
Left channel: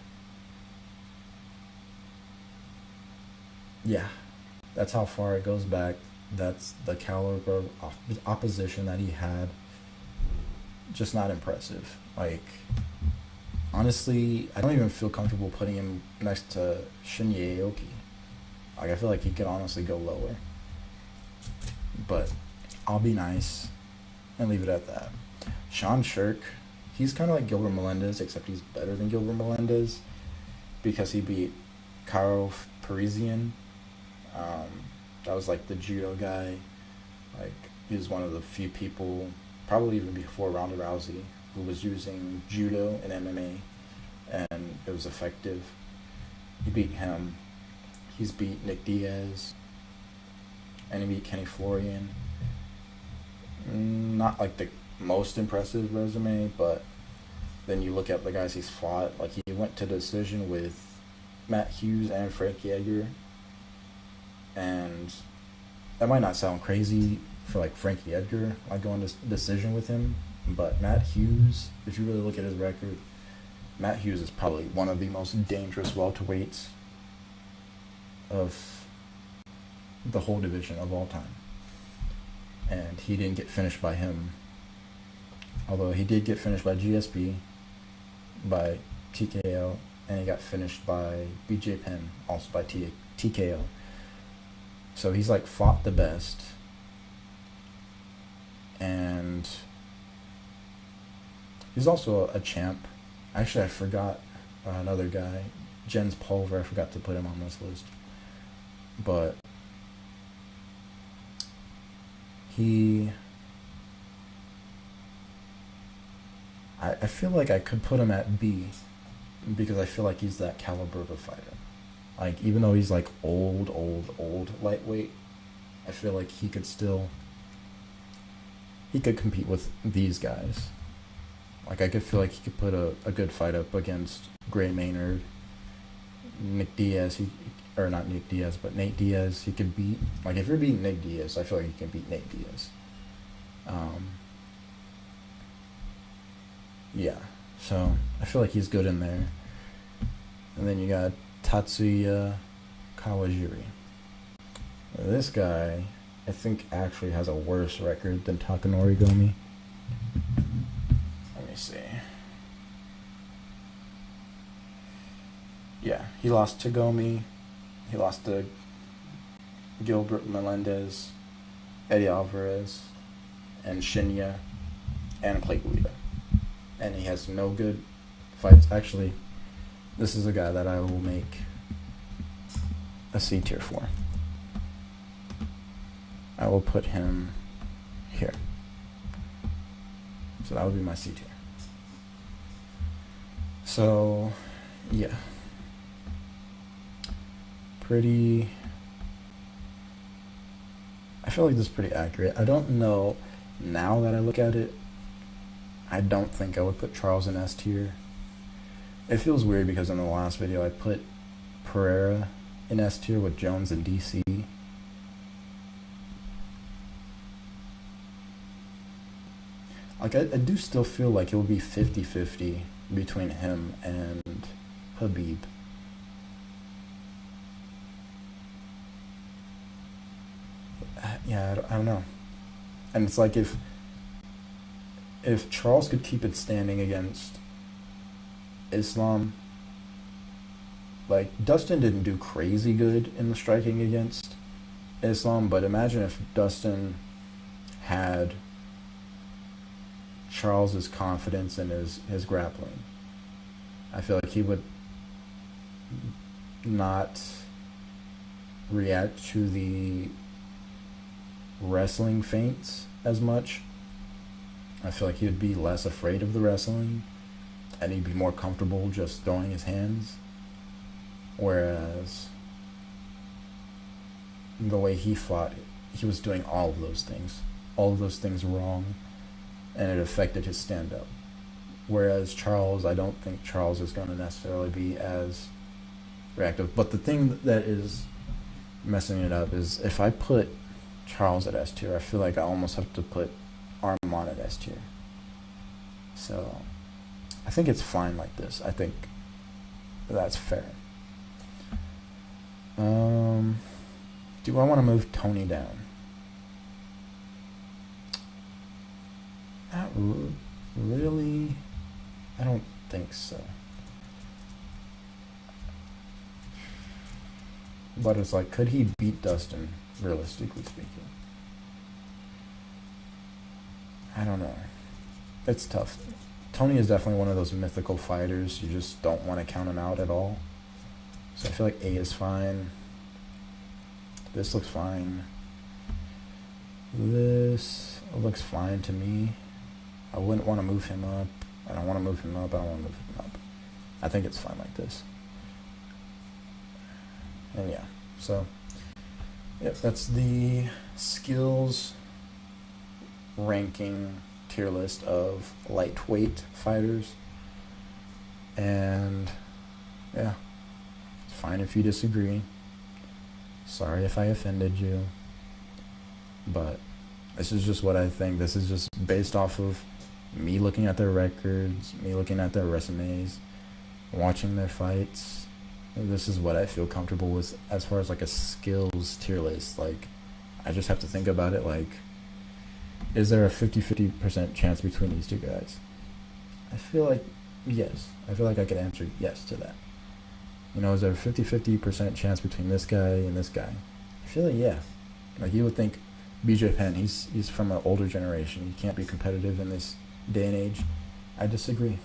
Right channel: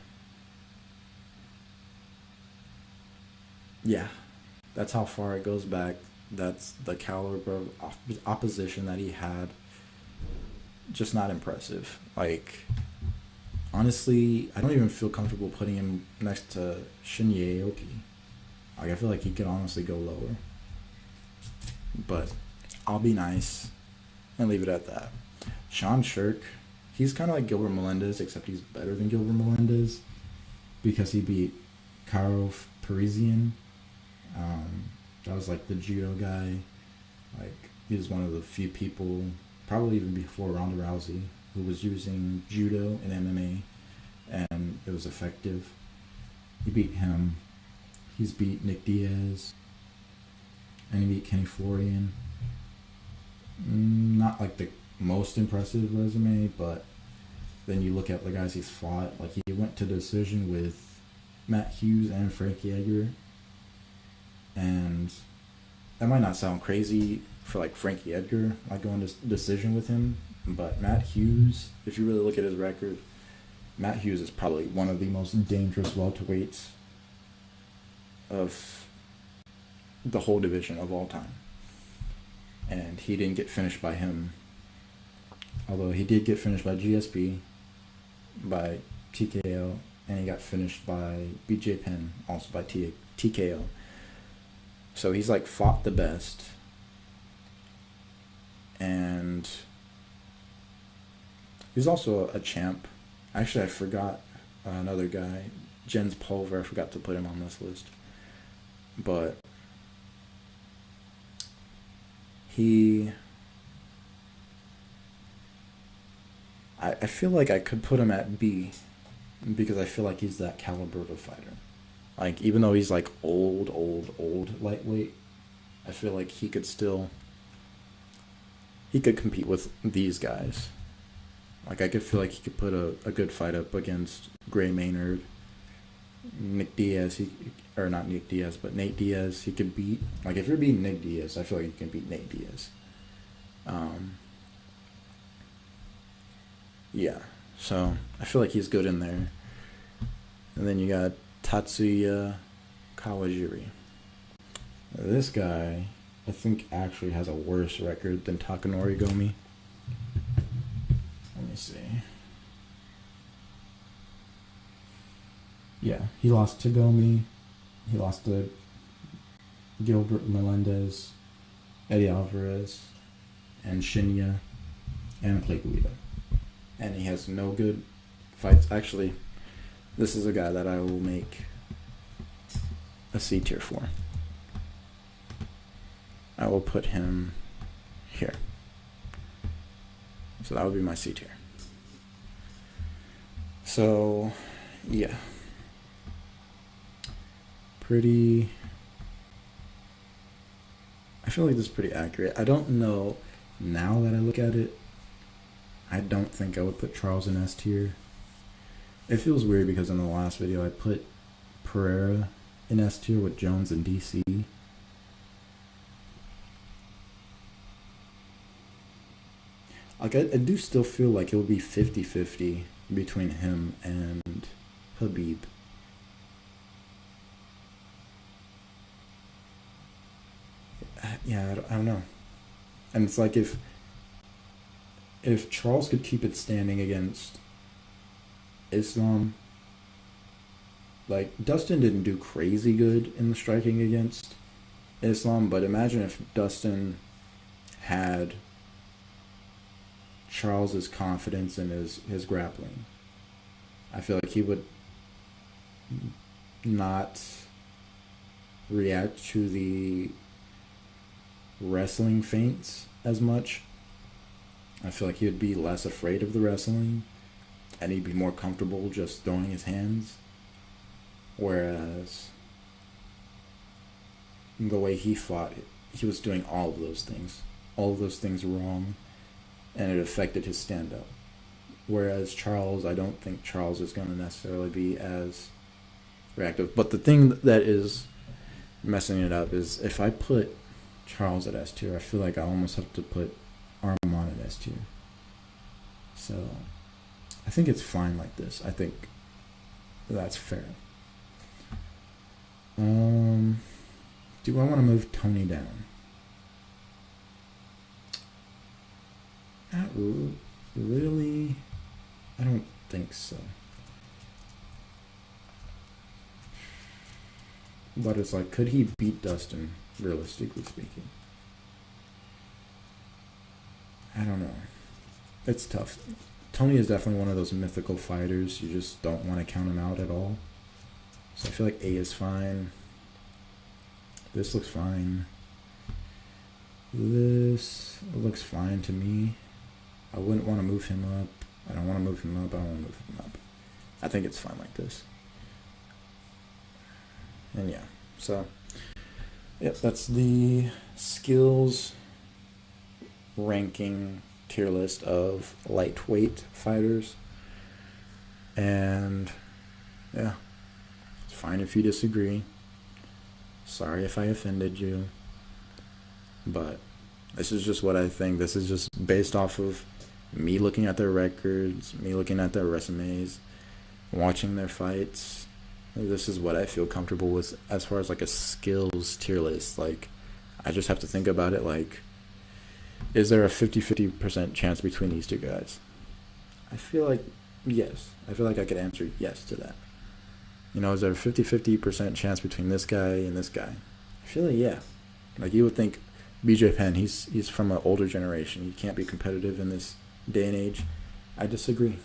Yeah, that's how far it goes back. That's the caliber of opposition that he had. Just not impressive. Like, honestly, I don't even feel comfortable putting him next to Shinya Aoki. Like, I feel like he could honestly go lower. But I'll be nice and leave it at that. Sean Shirk, he's kind of like Gilbert Melendez, except he's better than Gilbert Melendez because he beat Karo Parisian. That was like the judo guy. Like, he was one of the few people, probably even before Ronda Rousey, who was using judo and MMA, and it was effective. He beat him. He's beat Nick Diaz, and he beat Kenny Florian. Not like the most impressive resume, but then you look at the guys he's fought. Like, he went to decision with Matt Hughes and Frankie Edgar, and that might not sound crazy for like Frankie Edgar, like going to decision with him, but Matt Hughes, if you really look at his record, Matt Hughes is probably one of the most dangerous welterweights of the whole division of all time. And he didn't get finished by him. Although he did get finished by GSP, by TKO, and he got finished by BJ Penn, also by TKO. So he's like fought the best. And he's also a champ. Actually, I forgot another guy, Jens Pulver. I forgot to put him on this list. But I feel like I could put him at B because I feel like he's that caliber of a fighter. Like, even though he's like old lightweight, I feel like he could compete with these guys. Like, I could feel like he could put a good fight up against Gray Maynard, Nick Diaz, not Nick Diaz, but Nate Diaz. He could beat, like, if you're beating Nick Diaz, I feel like you can beat Nate Diaz. Yeah, so I feel like he's good in there. And then you got Tatsuya Kawajiri. This guy, I think, actually has a worse record than Takanori Gomi. Let me see. Yeah, he lost to Gomi. He lost to Gilbert Melendez, Eddie Alvarez, and Shinya, and Clay Guida. And he has no good fights. Actually, this is a guy that I will make a C tier for. I will put him here. So that would be my C tier. So, yeah. I feel like this is pretty accurate. I don't know, now that I look at it, I don't think I would put Charles in S tier. It feels weird because in the last video I put Pereira in S tier with Jones and DC. Like, I do still feel like it would be 50-50 between him and Habib. Yeah, I don't know. And it's like, if Charles could keep it standing against Islam, like, Dustin didn't do crazy good in the striking against Islam, but imagine if Dustin had Charles's confidence in his grappling. I feel like he would not react to the wrestling feints as much. I feel like he would be less afraid of the wrestling, and he'd be more comfortable just throwing his hands. Whereas the way he fought, he was doing all of those things wrong, and it affected his stand-up. Whereas Charles, I don't think Charles is going to necessarily be as reactive. But the thing that is messing it up is if I put Charles at S tier, I feel like I almost have to put Armand at S tier. So I think it's fine like this. I think that's fair. Do I want to move Tony down? Not really. I don't think so. But it's like, could he beat Dustin, realistically speaking? I don't know. It's tough. Tony is definitely one of those mythical fighters. You just don't want to count him out at all. So I feel like A is fine. This looks fine. This looks fine to me. I wouldn't want to move him up. I don't want to move him up. I don't want to move him up. I think it's fine like this. And yeah, so yep, that's the skills ranking tier list of lightweight fighters. And yeah, it's fine if you disagree. Sorry if I offended you. But this is just what I think. This is just based off of me looking at their records, me looking at their resumes, watching their fights. This is what I feel comfortable with as far as like a skills tier list. Like, I just have to think about it like, is there a 50-50% chance between these two guys? I feel like yes. I feel like I could answer yes to that. You know, is there a 50-50% chance between this guy and this guy? I feel like yeah. Like, you would think BJ Penn, he's from an older generation. He can't be competitive in this day and age. I disagree.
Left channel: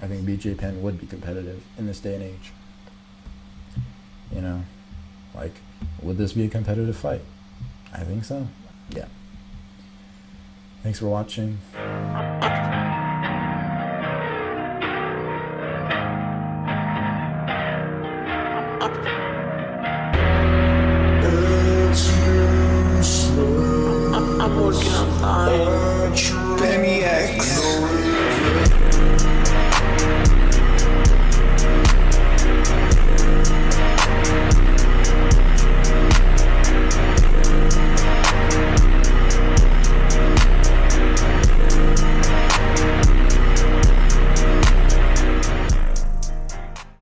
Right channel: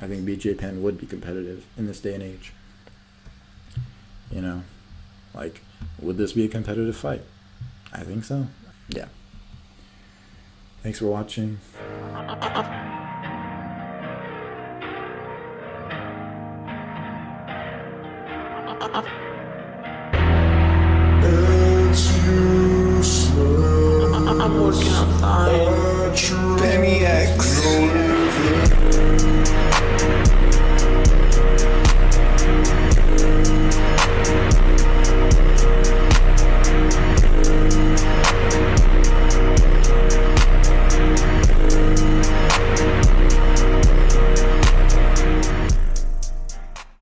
I think BJ Penn would be competitive in this day and age. You know, like, would this be a competitive fight? I think so. Yeah. Thanks for watching. I'm working on time. Penny X.